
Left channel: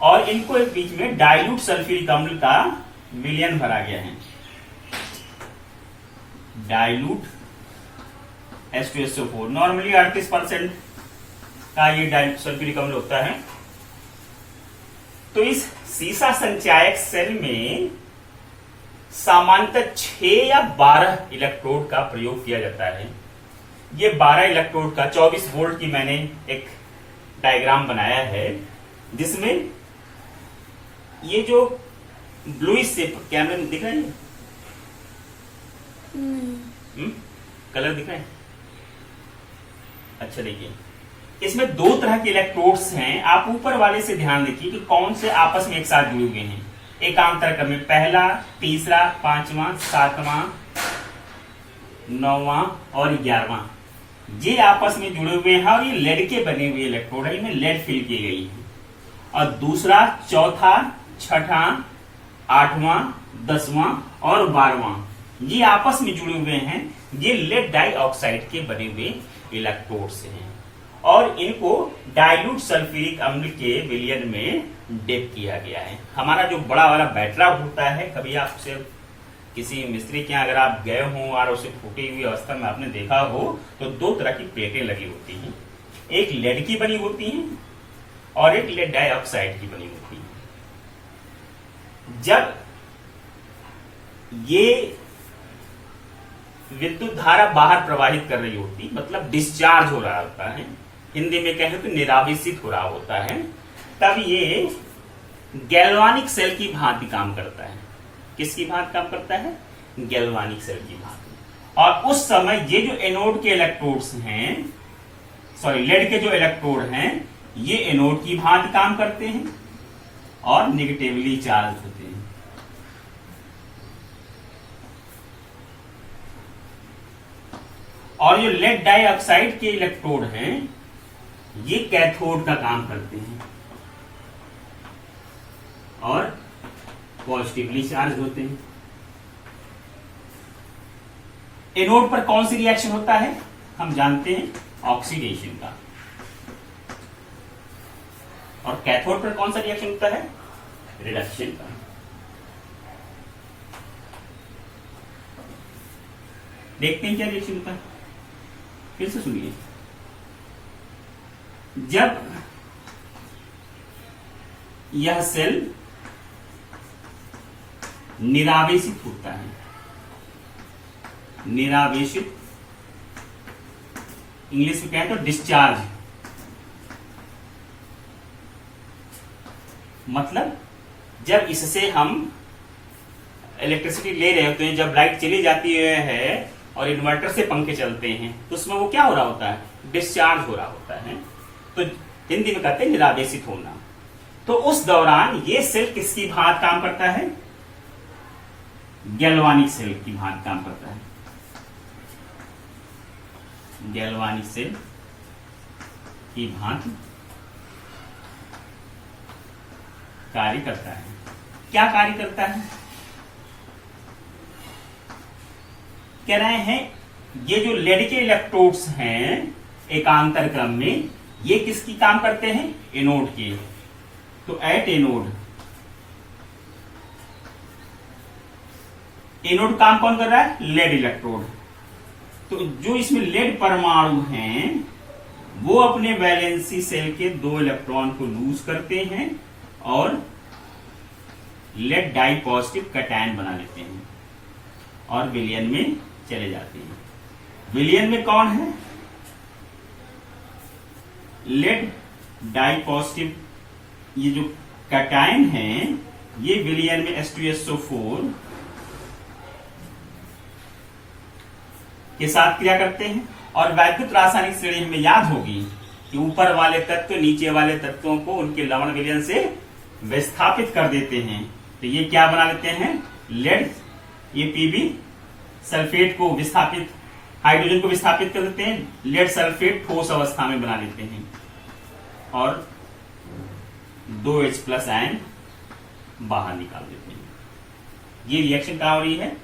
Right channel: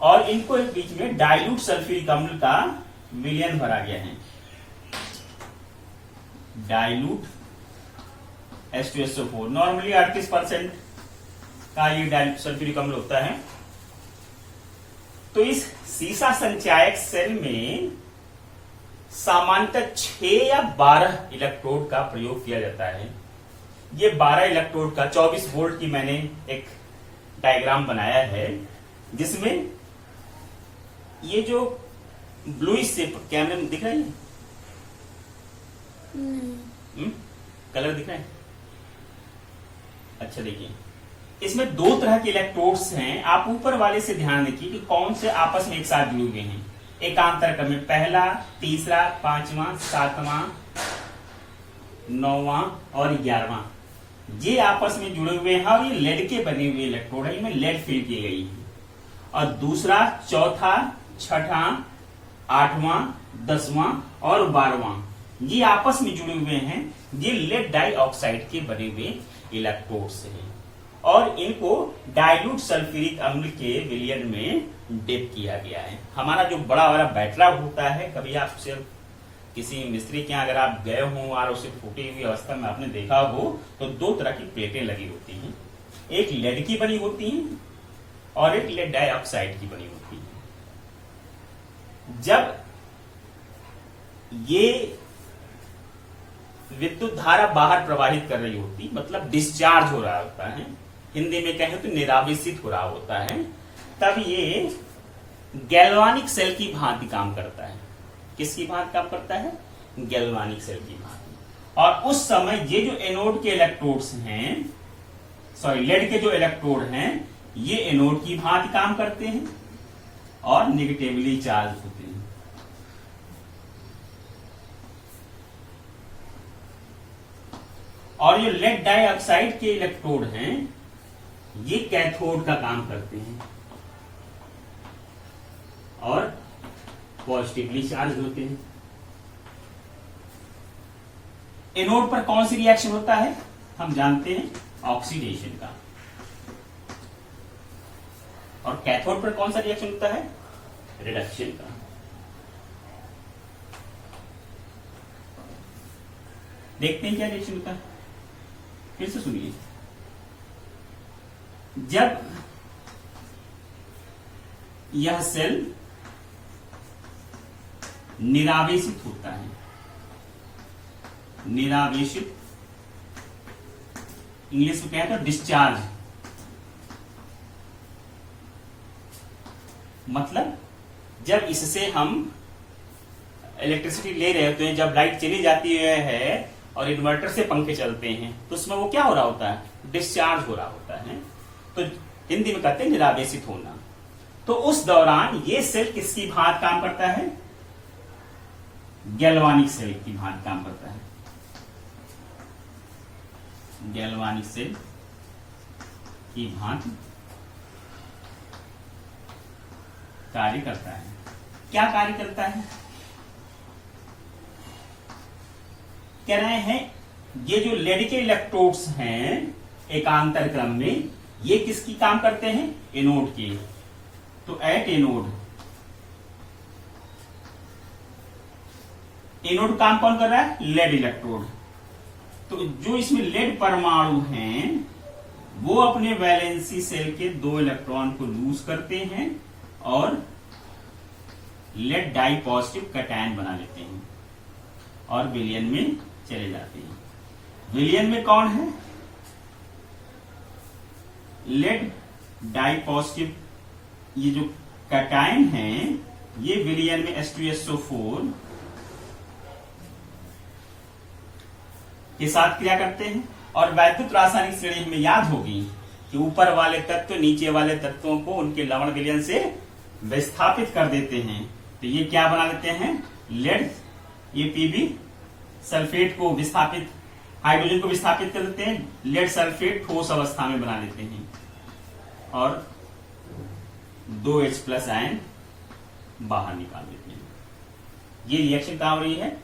और इनको एक बीच में डाइल्यूट सल्फ्यूरिक अम्ल का विलयन भरा गया है। डाइल्यूट H2SO4 नॉर्मली 38% का ये डाइल्यूट सल्फ्यूरिक अम्ल होता है। तो इस सीसा संचायक सेल में सामान्यतः 6 या 12 इलेक्ट्रोड का प्रयोग किया जाता है। ये 12 इलेक्ट्रोड का 24 वोल्ट की मैंने एक डायग्राम बनाया है, जिसमें ये जो ब्लूइश शेप कैमरे में दिख रहा है, कलर दिख रहा है? अच्छा, देखिए इसमें 2 तरह के इलेक्ट्रोड्स हैं। आप ऊपर वाले से ध्यान देखिए कि कौन से आपस में एक साथ जुड़े हुए हैं। एकांतर क्रम में पहला, तीसरा, 5वां, 7वां, 9वां और 11वां, ये आपस में जुड़े हुए हैं और ये लेड के बने हुए इलेक्ट्रोड है, इनमें लेड फिल की गई है। और दूसरा, चौथा, छठा, 8वां, 10वां और 12वां, ये आपस में जुड़े हुए हैं। ये लेड डाइऑक्साइड के बने हुए इलेक्ट्रोड्स हैं और इनको डाइल्यूट सल्फ्यूरिक अम्ल के विलयन में डिप किया गया है। हमारा जो बड़ा वाला बैटरा होता है, कभी आप सिर्फ किसी मिस्त्री के यहाँ अगर आप गए हो और उसे फूटी हुई अवस्था में आपने देखा हो, तो 2 तरह की प्लेटें लगी होती हैं। एक लेड की बनी होती है और एक लेड डाइऑक्साइड की बनी होती है। जब ये विद्युत धारा बाहर प्रवाहित कर रही होती, मतलब डिस्चार्ज हो रहा होता है, हिंदी में कहें तो निरावेशित हो रहा होता है, तब ये गैल्वानिक सेल की भांति काम करता है। किसकी भांति काम करता है? गैल्वानिक सेल की भांति। और उस समय ये जो एनोड के इलेक्ट्रोड्स हैं, सॉरी लेड के जो इलेक्ट्रोड हैं, ये एनोड की भांति काम करते हैं और निगेटिवली चार्ज होते हैं। और जो लेड डाइऑक्साइड के इलेक्ट्रोड हैं, ये कैथोड का काम करते हैं और पॉजिटिवली चार्ज होते हैं। एनोड पर कौन सी रिएक्शन होता है? हम जानते हैं, ऑक्सीडेशन का। और कैथोड पर कौन सा रिएक्शन होता है? रिडक्शन का। देखते हैं क्या रिएक्शन होता है, फिर से सुनिए। जब यह सेल निरावेशित होता है, निरावेशित इंग्लिश में कहें तो डिस्चार्ज, मतलब जब इससे हम इलेक्ट्रिसिटी ले रहे होते हैं, जब लाइट चली जाती है और इन्वर्टर से पंखे चलते हैं, तो उसमें वो क्या हो रहा होता है? डिस्चार्ज हो रहा होता है। तो हिंदी में कहते हैं निरावेशित होना। तो उस दौरान ये सेल किसकी भांति काम करता है? गैल्वानिक सेल की भांति काम करता है। गैल्वानिक सेल की भांति कार्य करता है। क्या कार्य करता है? कह रहे हैं ये जो लेड के इलेक्ट्रोड्स हैं एकांतर क्रम में, ये किसकी काम करते हैं? एनोड के। तो एट एनोड, एनोड काम कौन कर रहा है? Lead electrode. तो जो इसमें लेड परमाणु हैं, वो अपने वैलेंसी सेल के 2 इलेक्ट्रॉन को लूज करते हैं और लेड डाई पॉजिटिव कैटायन बना लेते हैं और विलयन में चले जाते हैं। विलयन में कौन है? लेड डाई पॉजिटिव, ये जो कैटायन है, ये विलयन में H2SO4 के साथ क्रिया करते हैं। और वैद्युत रासायनिक श्रेणी हमें याद होगी कि ऊपर वाले तत्व नीचे वाले तत्वों को उनके लवण विलयन से विस्थापित कर देते हैं। तो ये क्या बना लेते हैं? लेड, ये पीबी सल्फेट को विस्थापित, हाइड्रोजन को विस्थापित कर देते हैं, लेड सल्फेट ठोस अवस्था में बना लेते हैं और 2H+ आयन बाहर निकाल देते हैं। ये रिएक्शन कहां हो रही है?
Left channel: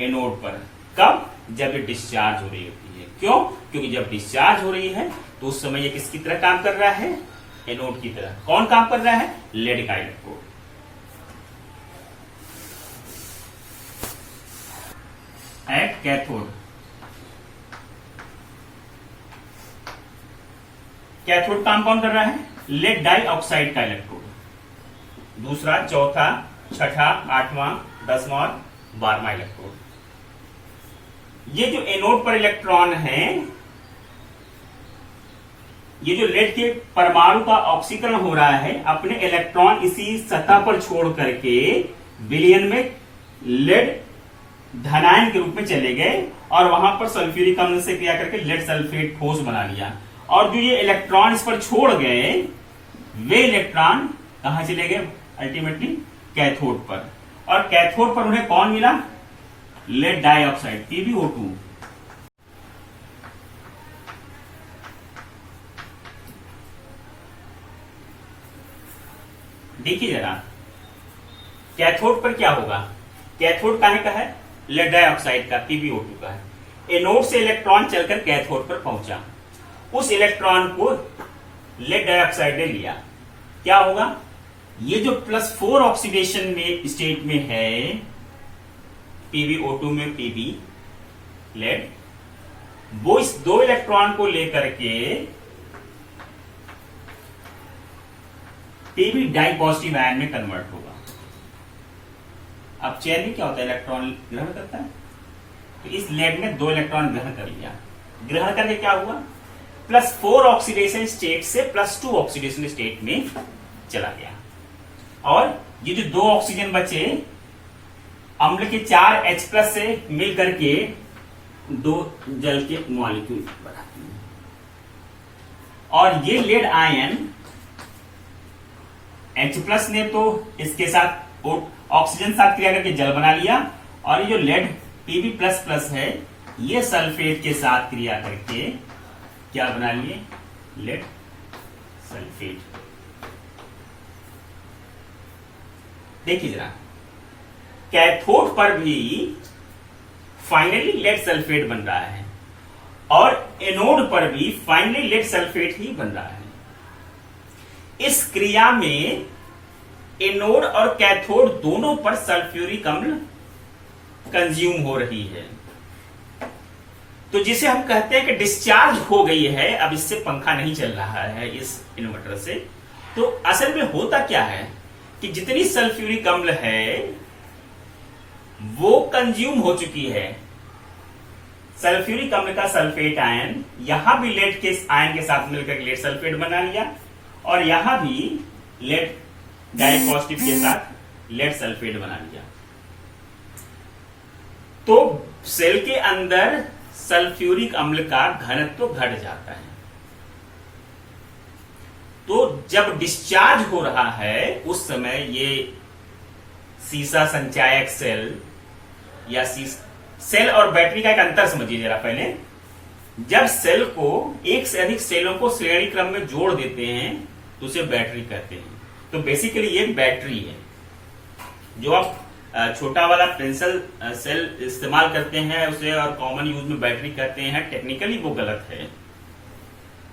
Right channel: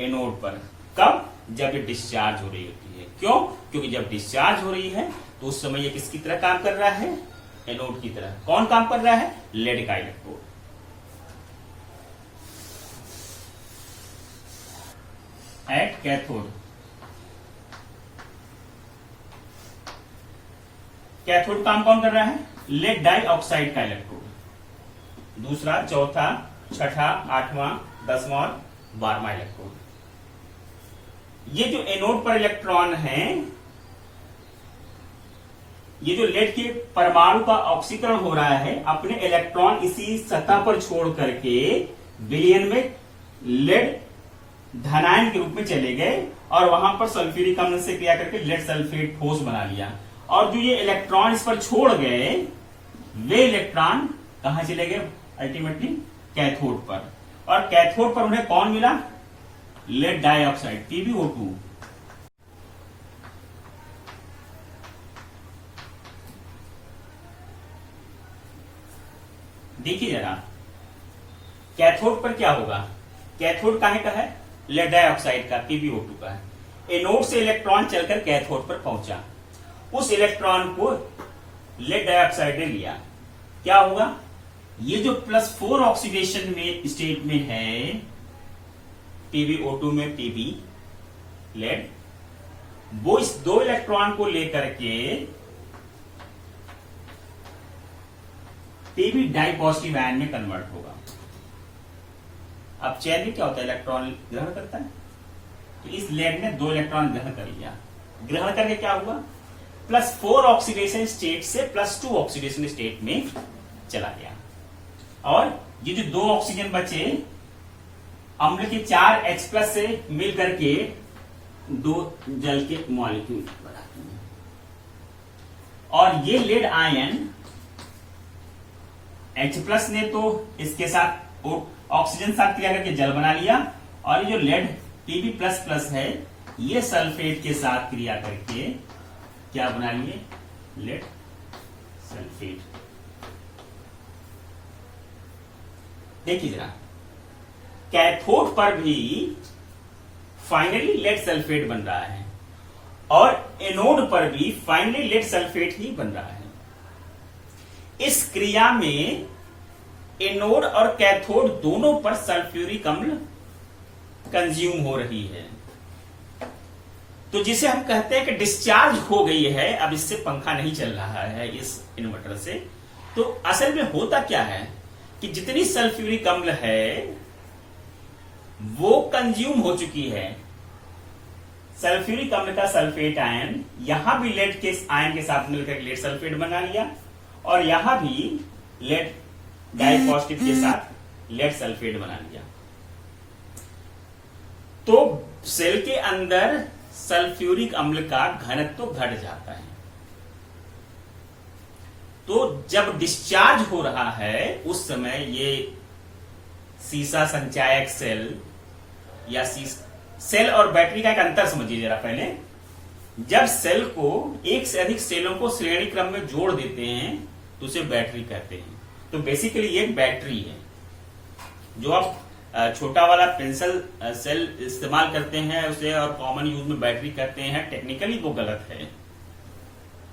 एनोड पर। कब? जब ये डिस्चार्ज हो रही होती है। क्यों? क्योंकि जब डिस्चार्ज हो रही है तो उस समय ये किसकी तरह काम कर रहा है? एनोड की तरह। कौन काम कर रहा है? लेड का इलेक्ट्रोड। एट कैथोड, कैथोड काम कौन कर रहा है? लेड डाइऑक्साइड का इलेक्ट्रोड। दूसरा, चौथा, छठा, 8वां, 10वां और 12वां इलेक्ट्रोड। ये जो एनोड पर इलेक्ट्रॉन हैं, ये जो लेड के परमाणु का ऑक्सीकरण हो रहा है, अपने इलेक्ट्रॉन इसी सतह पर छोड़ करके विलयन में लेड धनायन के रूप में चले गए और वहां पर सल्फ्यूरिक अम्ल से क्रिया करके लेड सल्फेट ठोस बना लिया। और जो ये इलेक्ट्रॉन इस पर छोड़ गए, वे इलेक्ट्रॉन कहां चले गए? अल्टीमेटली कैथोड पर। और कैथोड पर उन्हें कौन मिला? Lead dioxide, PbO2। देखिए जरा, कैथोड पर क्या होगा? कैथोड काहे का है? लेड डाइऑक्साइड का, PbO2 का है। एनोड से इलेक्ट्रॉन चलकर कैथोड पर पहुंचा, उस इलेक्ट्रॉन को लेड डाइऑक्साइड ने लिया। क्या होगा? ये जो +4 ऑक्सीडेशन में स्टेट में है, PbO2 में Pb लेड, वो इस 2 इलेक्ट्रॉन को लेकर के Pb डाई पॉजिटिव आयन में कन्वर्ट होगा। अब चेन में क्या होता है, इलेक्ट्रॉन ग्रहण करता है। तो इस लेड ने 2 इलेक्ट्रॉन ग्रहण कर लिया। ग्रहण करके क्या हुआ, +4 ऑक्सीडेशन स्टेट से +2 ऑक्सीडेशन स्टेट में चला गया। और ये जो 2 ऑक्सीजन बचे अम्ल के 4 H+ से मिल करके 2 जल के मॉलिक्यूल बनाते हैं। और ये लेड आयन H+ ने तो इसके साथ ऑक्सीजन साथ क्रिया करके जल बना लिया, और ये जो लेड Pb++ है ये सल्फेट के साथ क्रिया करके क्या बना लिए, लेड सल्फेट। देखिए जरा, कैथोड पर भी फाइनली लेड सल्फेट बन रहा है और एनोड पर भी फाइनली लेड सल्फेट ही बन रहा है। इस क्रिया में एनोड और कैथोड दोनों पर सल्फ्यूरिक अम्ल कंज्यूम हो रही है। तो जिसे हम कहते हैं कि डिस्चार्ज हो गई है, अब इससे पंखा नहीं चल रहा है इस इन्वर्टर से। तो असल में होता क्या है कि जितनी सल्फ्यूरिक अम्ल है वो कंज्यूम हो चुकी है। सल्फ्यूरिक अम्ल का सल्फेट आयन यहां भी लेड के आयन के साथ मिलकर लेड सल्फेट बना लिया, और यहां भी लेड डाइपॉजिटिव के साथ लेड सल्फेट बना लिया। तो सेल के अंदर सल्फ्यूरिक अम्ल का घनत्व घट जाता है। तो जब डिस्चार्ज हो रहा है उस समय ये सीसा संचायक सेल या सेल और बैटरी का एक अंतर समझिए जरा पहले। जब सेल को एक से अधिक सेलों को श्रेणी क्रम में जोड़ देते हैं तो उसे बैटरी कहते हैं। तो बेसिकली ये बैटरी है। जो आप छोटा वाला पेंसिल सेल इस्तेमाल करते हैं उसे और कॉमन यूज में बैटरी कहते हैं, टेक्निकली वो गलत है।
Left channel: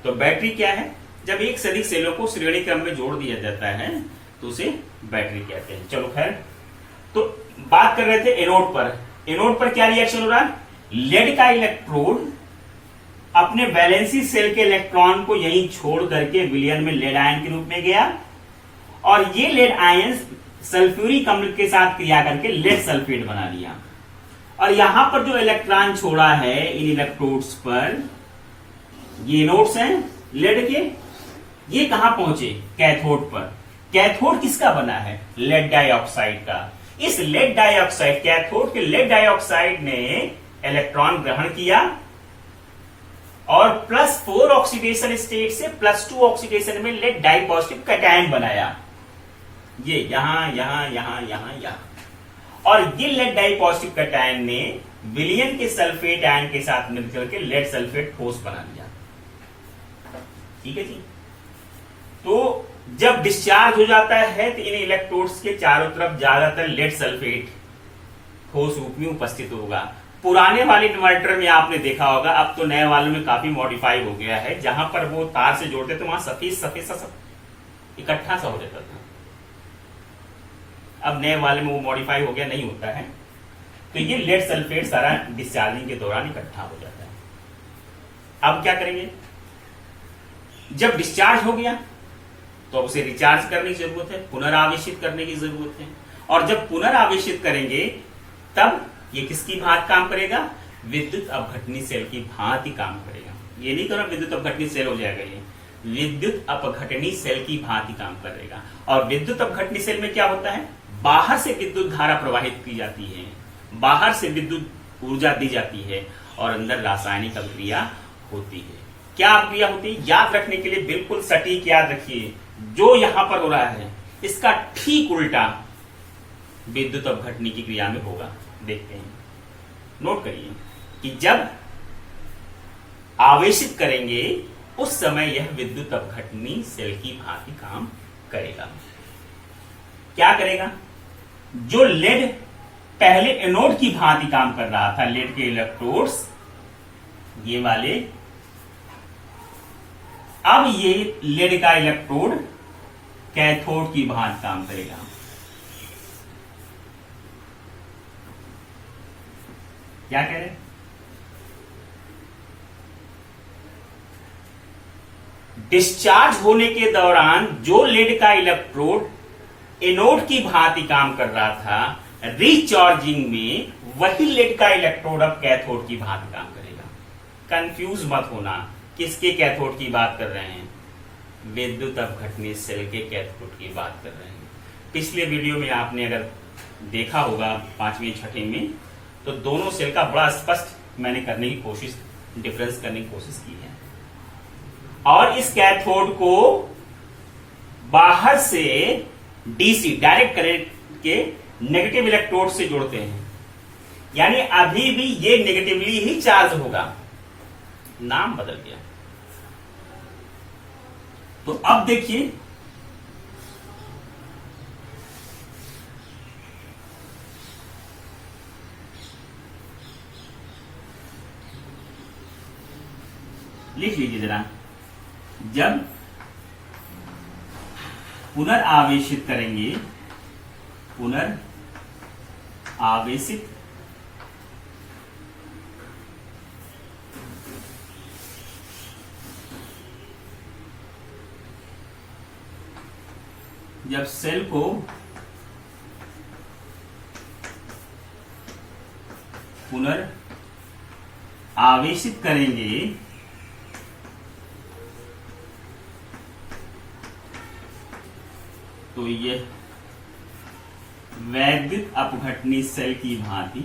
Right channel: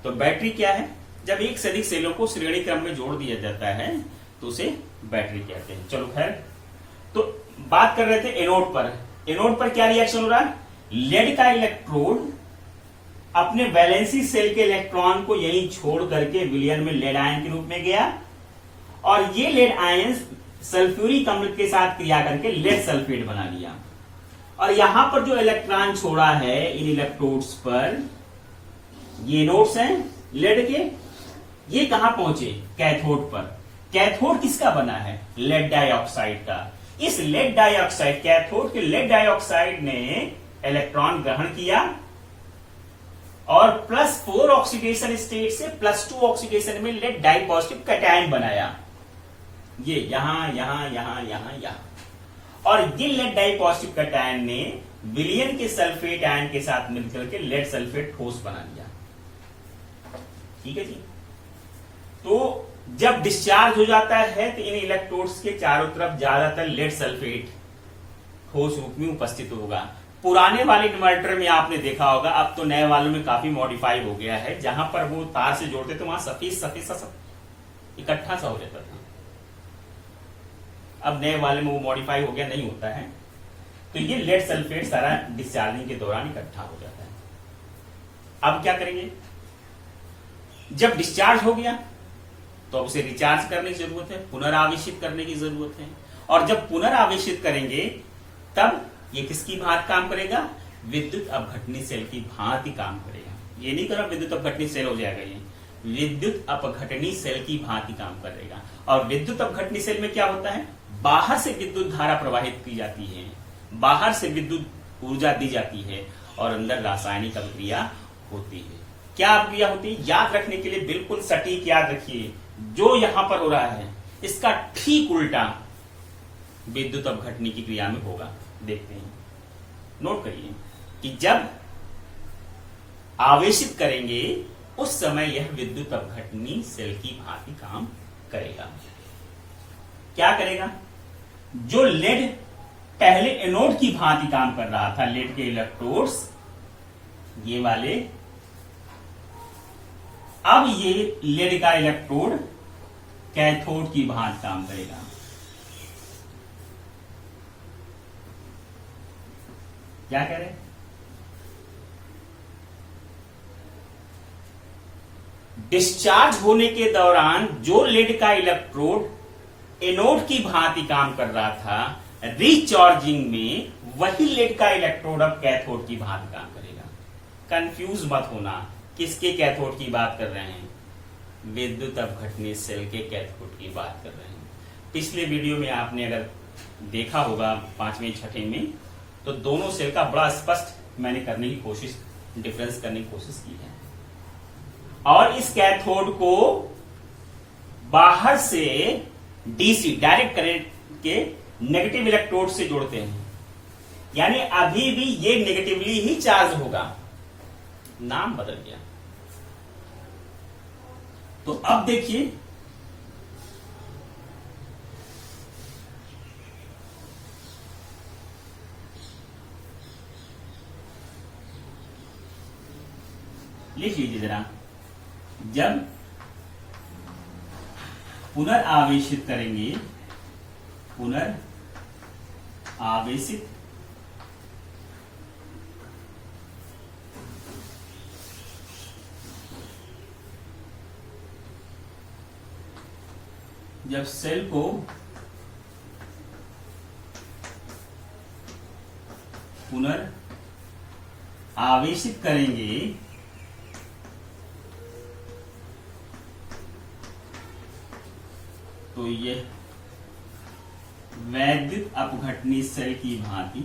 तो बैटरी क्या है, जब एक से अधिक सेलों को श्रेणी क्रम में जोड़ दिया जाता है तो उसे बैटरी कहते हैं। चलो खैर, तो बात कर रहे थे एनोड पर। एनोड पर क्या रिएक्शन हो रहा है, लेड का इलेक्ट्रोड अपने वैलेंसी सेल के इलेक्ट्रॉन को यहीं छोड़ करके विलयन में लेड आयन के रूप में गया, और ये लेड आयन सल्फ्यूरिक अम्ल के साथ क्रिया करके लेड सल्फेट बना लिया। और यहां पर जो इलेक्ट्रॉन छोड़ा है इन इलेक्ट्रोड्स पर, ये नोड्स हैं लेड के, ये कहां पहुंचे, कैथोड पर। कैथोड किसका बना है, लेड डाइऑक्साइड का। इस लेड डाइऑक्साइड, कैथोड के लेड डाइऑक्साइड ने इलेक्ट्रॉन ग्रहण किया और +4 ऑक्सीडेशन स्टेट से +2 ऑक्सीडेशन में लेड डाइपॉजिटिव कैटायन बनाया। ये यहां यहां यहां यहां यहां, और ये लेड डाइपॉजिटिव कैटायन ने विलयन के सल्फेट आयन के साथ मिलकर के लेड सल्फेट ठोस बना लिया। ठीक है जी। तो जब डिस्चार्ज हो जाता है तो इन इलेक्ट्रोड्स के चारों तरफ ज्यादातर लेड सल्फेट ठोस रूप में उपस्थित होगा। पुराने वाले इन्वर्टर में आपने देखा होगा, अब तो नए वालों में काफी मॉडिफाई हो गया है, जहां पर वो तार से जोड़ते थे वहां सफेद सफेद सा सब इकट्ठा सा हो जाता था। अब नए वाले में वो मॉडिफाई हो गया, नहीं होता है। तो ये लेड सल्फेट सारा डिस्चार्जिंग के दौरान इकट्ठा हो जाता है। अब क्या करेंगे, जब डिस्चार्ज हो गया तो उसे रिचार्ज करने की जरूरत है, पुनरावेशित करने की जरूरत है। और जब पुनरावेशित करेंगे तब ये किसकी भांति काम करेगा, विद्युत अपघटनी सेल की भांति काम करेगा। ये नहीं करो विद्युत अपघटनी सेल हो जाएगा, ये विद्युत अपघटनी सेल की भांति काम करेगा। और विद्युत अपघटनी सेल में क्या होता है, बाहर से विद्युत धारा प्रवाहित की जाती है, बाहर से विद्युत ऊर्जा दी जाती है, और अंदर रासायनिक अभिक्रिया होती है। क्या अभिक्रिया होती है, याद रखने के लिए बिल्कुल सटीक याद रखिए, जो यहां पर हो रहा है इसका ठीक उल्टा विद्युत अपघटनी की क्रिया में होगा। देखते हैं, नोट करिए कि जब आवेशित करेंगे उस समय यह विद्युत अपघटनी सेल की भांति काम करेगा। क्या करेगा, जो लेड पहले एनोड की भांति काम कर रहा था, लेड के इलेक्ट्रोड्स ये वाले, अब ये लेड का इलेक्ट्रोड कैथोड की भांति काम करेगा। क्या कह रहे हैं, डिस्चार्ज होने के दौरान जो लेड का इलेक्ट्रोड एनोड की भांति काम कर रहा था, रिचार्जिंग में वही लेड का इलेक्ट्रोड अब कैथोड की भांति काम करेगा। कंफ्यूज मत होना, किसके कैथोड की बात कर रहे हैं? विद्युत अपघटनी सेल के कैथोड की बात कर रहे हैं। पिछले वीडियो में आपने अगर देखा होगा 5वीं 6वीं में, तो दोनों सेल का बड़ा स्पष्ट मैंने करने की कोशिश, डिफरेंस करने की कोशिश की है। और इस कैथोड को बाहर से डीसी डायरेक्ट करंट के नेगेटिव इलेक्ट्रोड से जोड़ते हैं, यानी अभी भी ये नेगेटिवली ही चार्ज होगा, नाम बदल गया। तो अब देखिए, लिख लीजिए जरा, जब पुनर्आवेशित करेंगे, पुनर्आवेशित जब सेल को पुनर्आवेशित करेंगे तो यह वैद्युत अपघटनी सेल की भांति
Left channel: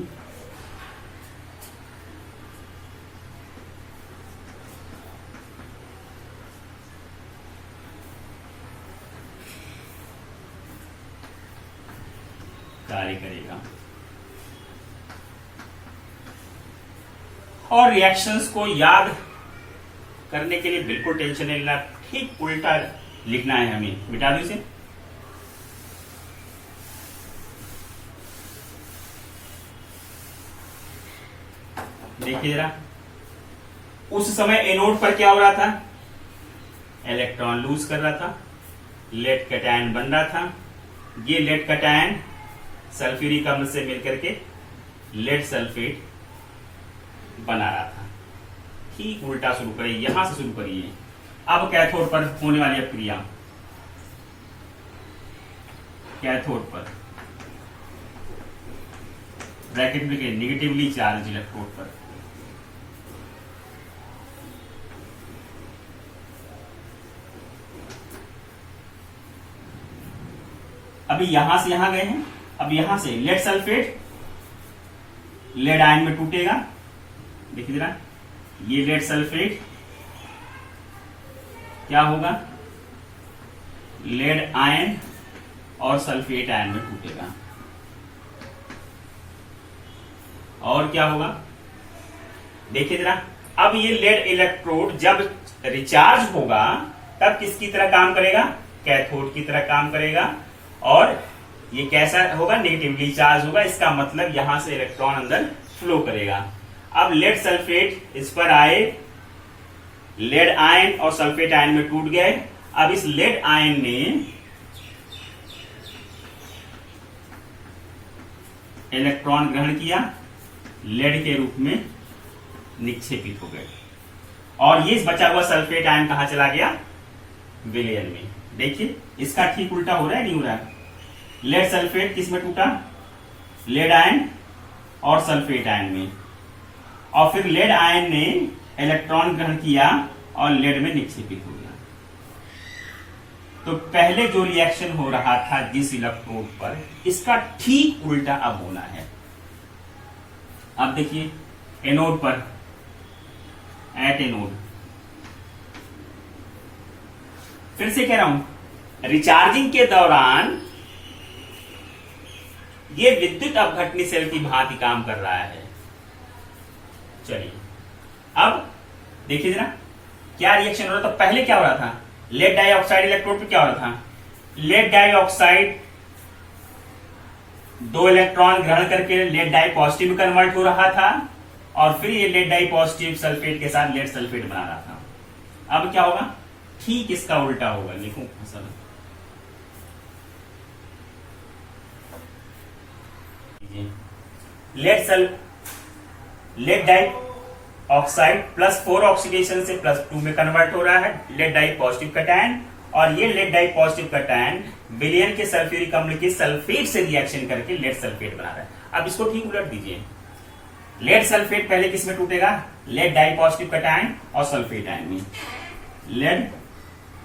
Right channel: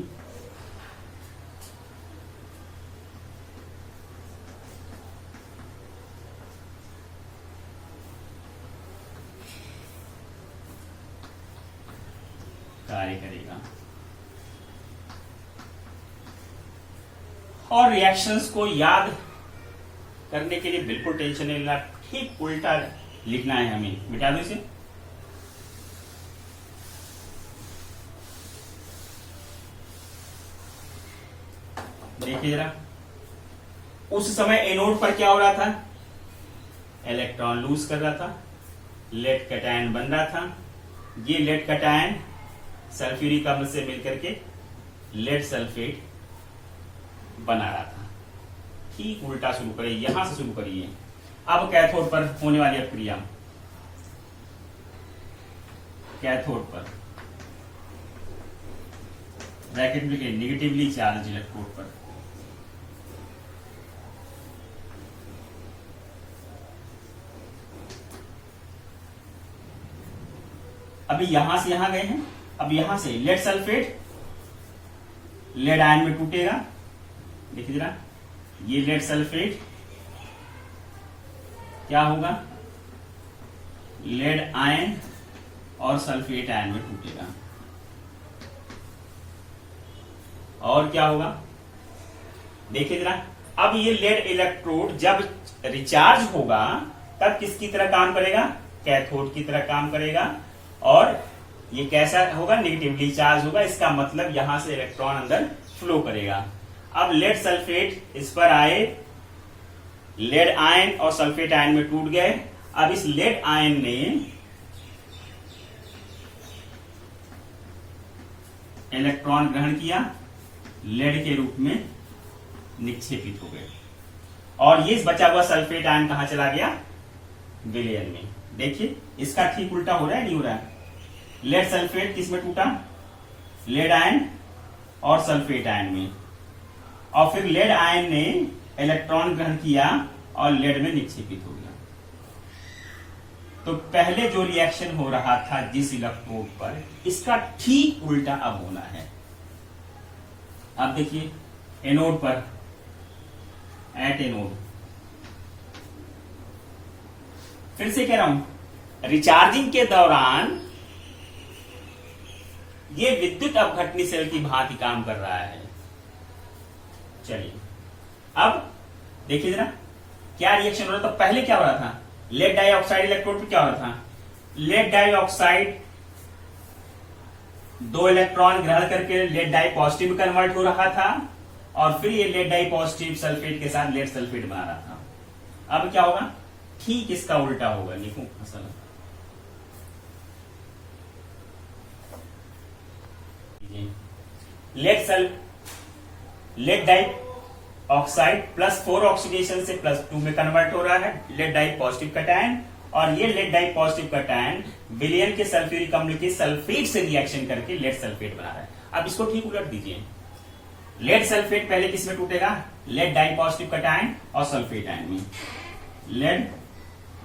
कार्य करेगा। और रिएक्शंस को याद करने के लिए बिल्कुल टेंशन नहीं लेना, ठीक उल्टा लिखना है हमें। मिटा दो इसे। देखिए जरा, उस समय एनोड पर क्या हो रहा था? इलेक्ट्रॉन लूज कर रहा था, लेड कैटायन बन रहा था। ये लेड कैटायन सल्फ्यूरिक अम्ल से मिलकर के लेड सल्फेट बना रहा था। ठीक उल्टा शुरू करिए, यहां से शुरू करिए। अब कैथोड पर होने वाली क्रिया, कैथोड पर ब्रैकेट में नेगेटिवली चार्ज इलेक्ट्रोड पर अभी यहां से यहां गए हैं। अब यहां से लेड सल्फेट लेड आयन में टूटेगा। देखिए जरा, ये लेड सल्फेट क्या होगा? लेड आयन और सल्फेट आयन में टूटेगा। और क्या होगा? देखिए जरा, अब ये लेड इलेक्ट्रोड जब रिचार्ज होगा तब किसकी तरह काम करेगा? कैथोड की तरह काम करेगा। और ये कैसा होगा? नेगेटिवली चार्ज होगा। इसका मतलब यहां से इलेक्ट्रॉन अंदर फ्लो करेगा। अब लेड सल्फेट इस पर आए, लेड आयन और सल्फेट आयन में टूट गए। अब इस लेड आयन ने इलेक्ट्रॉन ग्रहण किया, लेड के रूप में निक्षेपित हो गए। और ये बचा हुआ सल्फेट आयन कहां चला गया? विलयन में। देखिए, इसका ठीक उल्टा हो रहा है, नहीं हो रहा है? लेड सल्फेट किस में टूटा? लेड आयन और सल्फेट आयन में। और फिर लेड आयन ने इलेक्ट्रॉन ग्रहण किया और लेड में निक्षेपित हो गया। तो पहले जो रिएक्शन हो रहा था जिस इलेक्ट्रोड पर, इसका ठीक उल्टा अब होना है। अब देखिए, एनोड पर, एट एनोड, फिर से कह रहा हूं, रिचार्जिंग के दौरान ये विद्युत अपघटनी सेल की भांति काम कर रहा है। चलिए, अब देखिए जरा, क्या रिएक्शन हो रहा था? पहले क्या हो रहा था? लेड डाइऑक्साइड इलेक्ट्रोड पे क्या हो रहा था? लेड डाइऑक्साइड 2 इलेक्ट्रॉन ग्रहण करके लेड डाई पॉजिटिव में कन्वर्ट हो रहा था, और फिर ये लेड डाई पॉजिटिव सल्फेट के साथ लेड सल्फेट बना रहा था। अब क्या होगा? ठीक इसका उल्टा होगा। लिखूं फसल, लेड डाई ऑक्साइड +4 ऑक्सीडेशन से +2 में कन्वर्ट हो रहा है। लेड डाई पॉजिटिव कैटायन, और ये लेड डाई पॉजिटिव कटायन विलयन के सल्फ्यूरिक अम्ल के सल्फेट से रिएक्शन करके लेड सल्फेट बना रहा है। अब इसको ठीक उलट दीजिए, लेड सल्फेट पहले किस में टूटेगा, लेड डाई पॉजिटिव कटायन और सल्फेट आयन में, लेड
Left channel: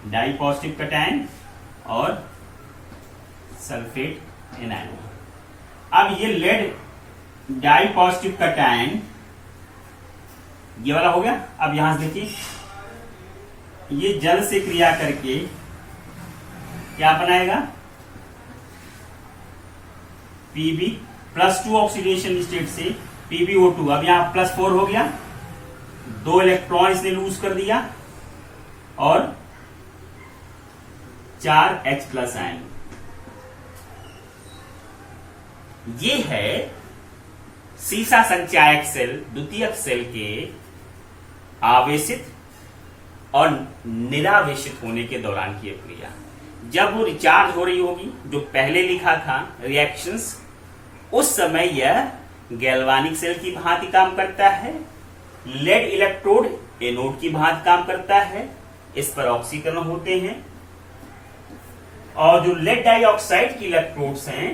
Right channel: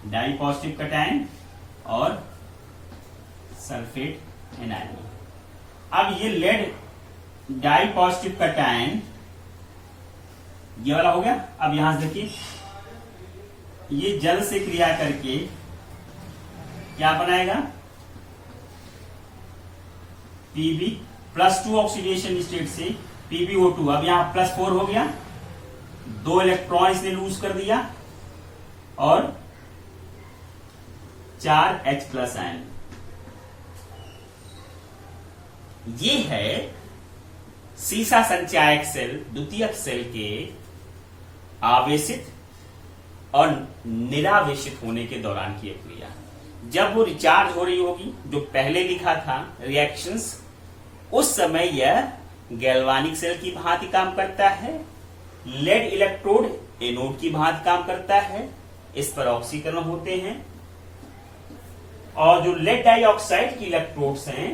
डाई पॉजिटिव कटायन और सल्फेट एनायन में। अब ये लेड डाई पॉजिटिव कटायन ये वाला हो गया। अब यहां से देखिए, ये जल से क्रिया करके क्या बनाएगा, Pb +2 ऑक्सीडेशन स्टेट से PbO2। अब यहां +4 हो गया, 2 इलेक्ट्रॉन इसने लूज कर दिया और 4 H+ आयन। ये है सीसा संचायक सेल द्वितीयक सेल के आवेशित और निरावेशित होने के दौरान की क्रिया। जब वो रिचार्ज हो रही होगी, जो पहले लिखा था रिएक्शंस, उस समय यह गैल्वानिक सेल की भांति काम करता है, लेड इलेक्ट्रोड एनोड की भांति काम करता है, इस पर ऑक्सीकरण होते हैं, और जो लेड डाइऑक्साइड की इलेक्ट्रोड्स हैं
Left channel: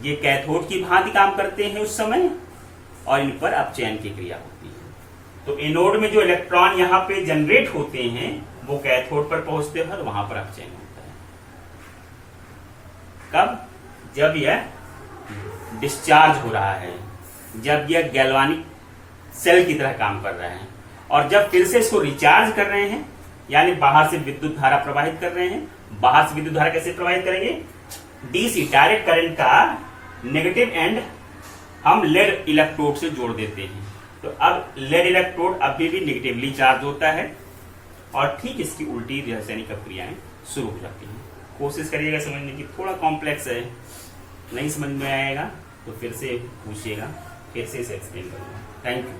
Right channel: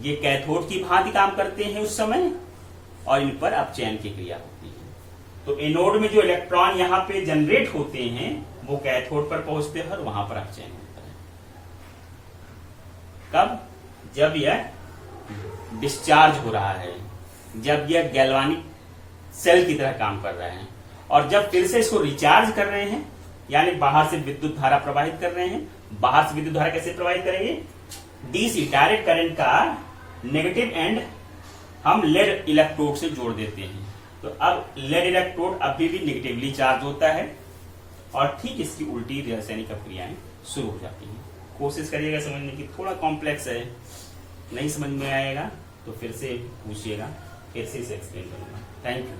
ये कैथोड की भांति काम करते हैं उस समय, और इन पर अपचयन की क्रिया होती है। तो एनोड में जो इलेक्ट्रॉन यहां पे जनरेट होते हैं वो कैथोड पर पहुंचते हैं और वहां पर अपचयन होता है। कब, जब यह डिस्चार्ज हो रहा है, जब यह गैल्वानिक सेल की तरह काम कर रहे हैं, और जब फिर से इसको रिचार्ज कर रहे हैं, यानी बाहर से विद्युत धारा प्रवाहित कर रहे हैं। बाहर से विद्युत धारा कैसे प्रवाहित करेंगे, डीसी डायरेक्ट करंट का नेगेटिव एंड हम लेड इलेक्ट्रोड से जोड़ देते हैं। तो अब लेड इलेक्ट्रोड अभी भी नेगेटिवली चार्ज होता है और ठीक इसकी उल्टी रासायनिक क्रियाएं शुरू हो जाती हैं। कोशिश करिएगा समझने की, थोड़ा कॉम्प्लेक्स है, नहीं समझ में आएगा तो फिर से पूछिएगा, फिर से इसे एक्सप्लेन करूंगा। Thank you.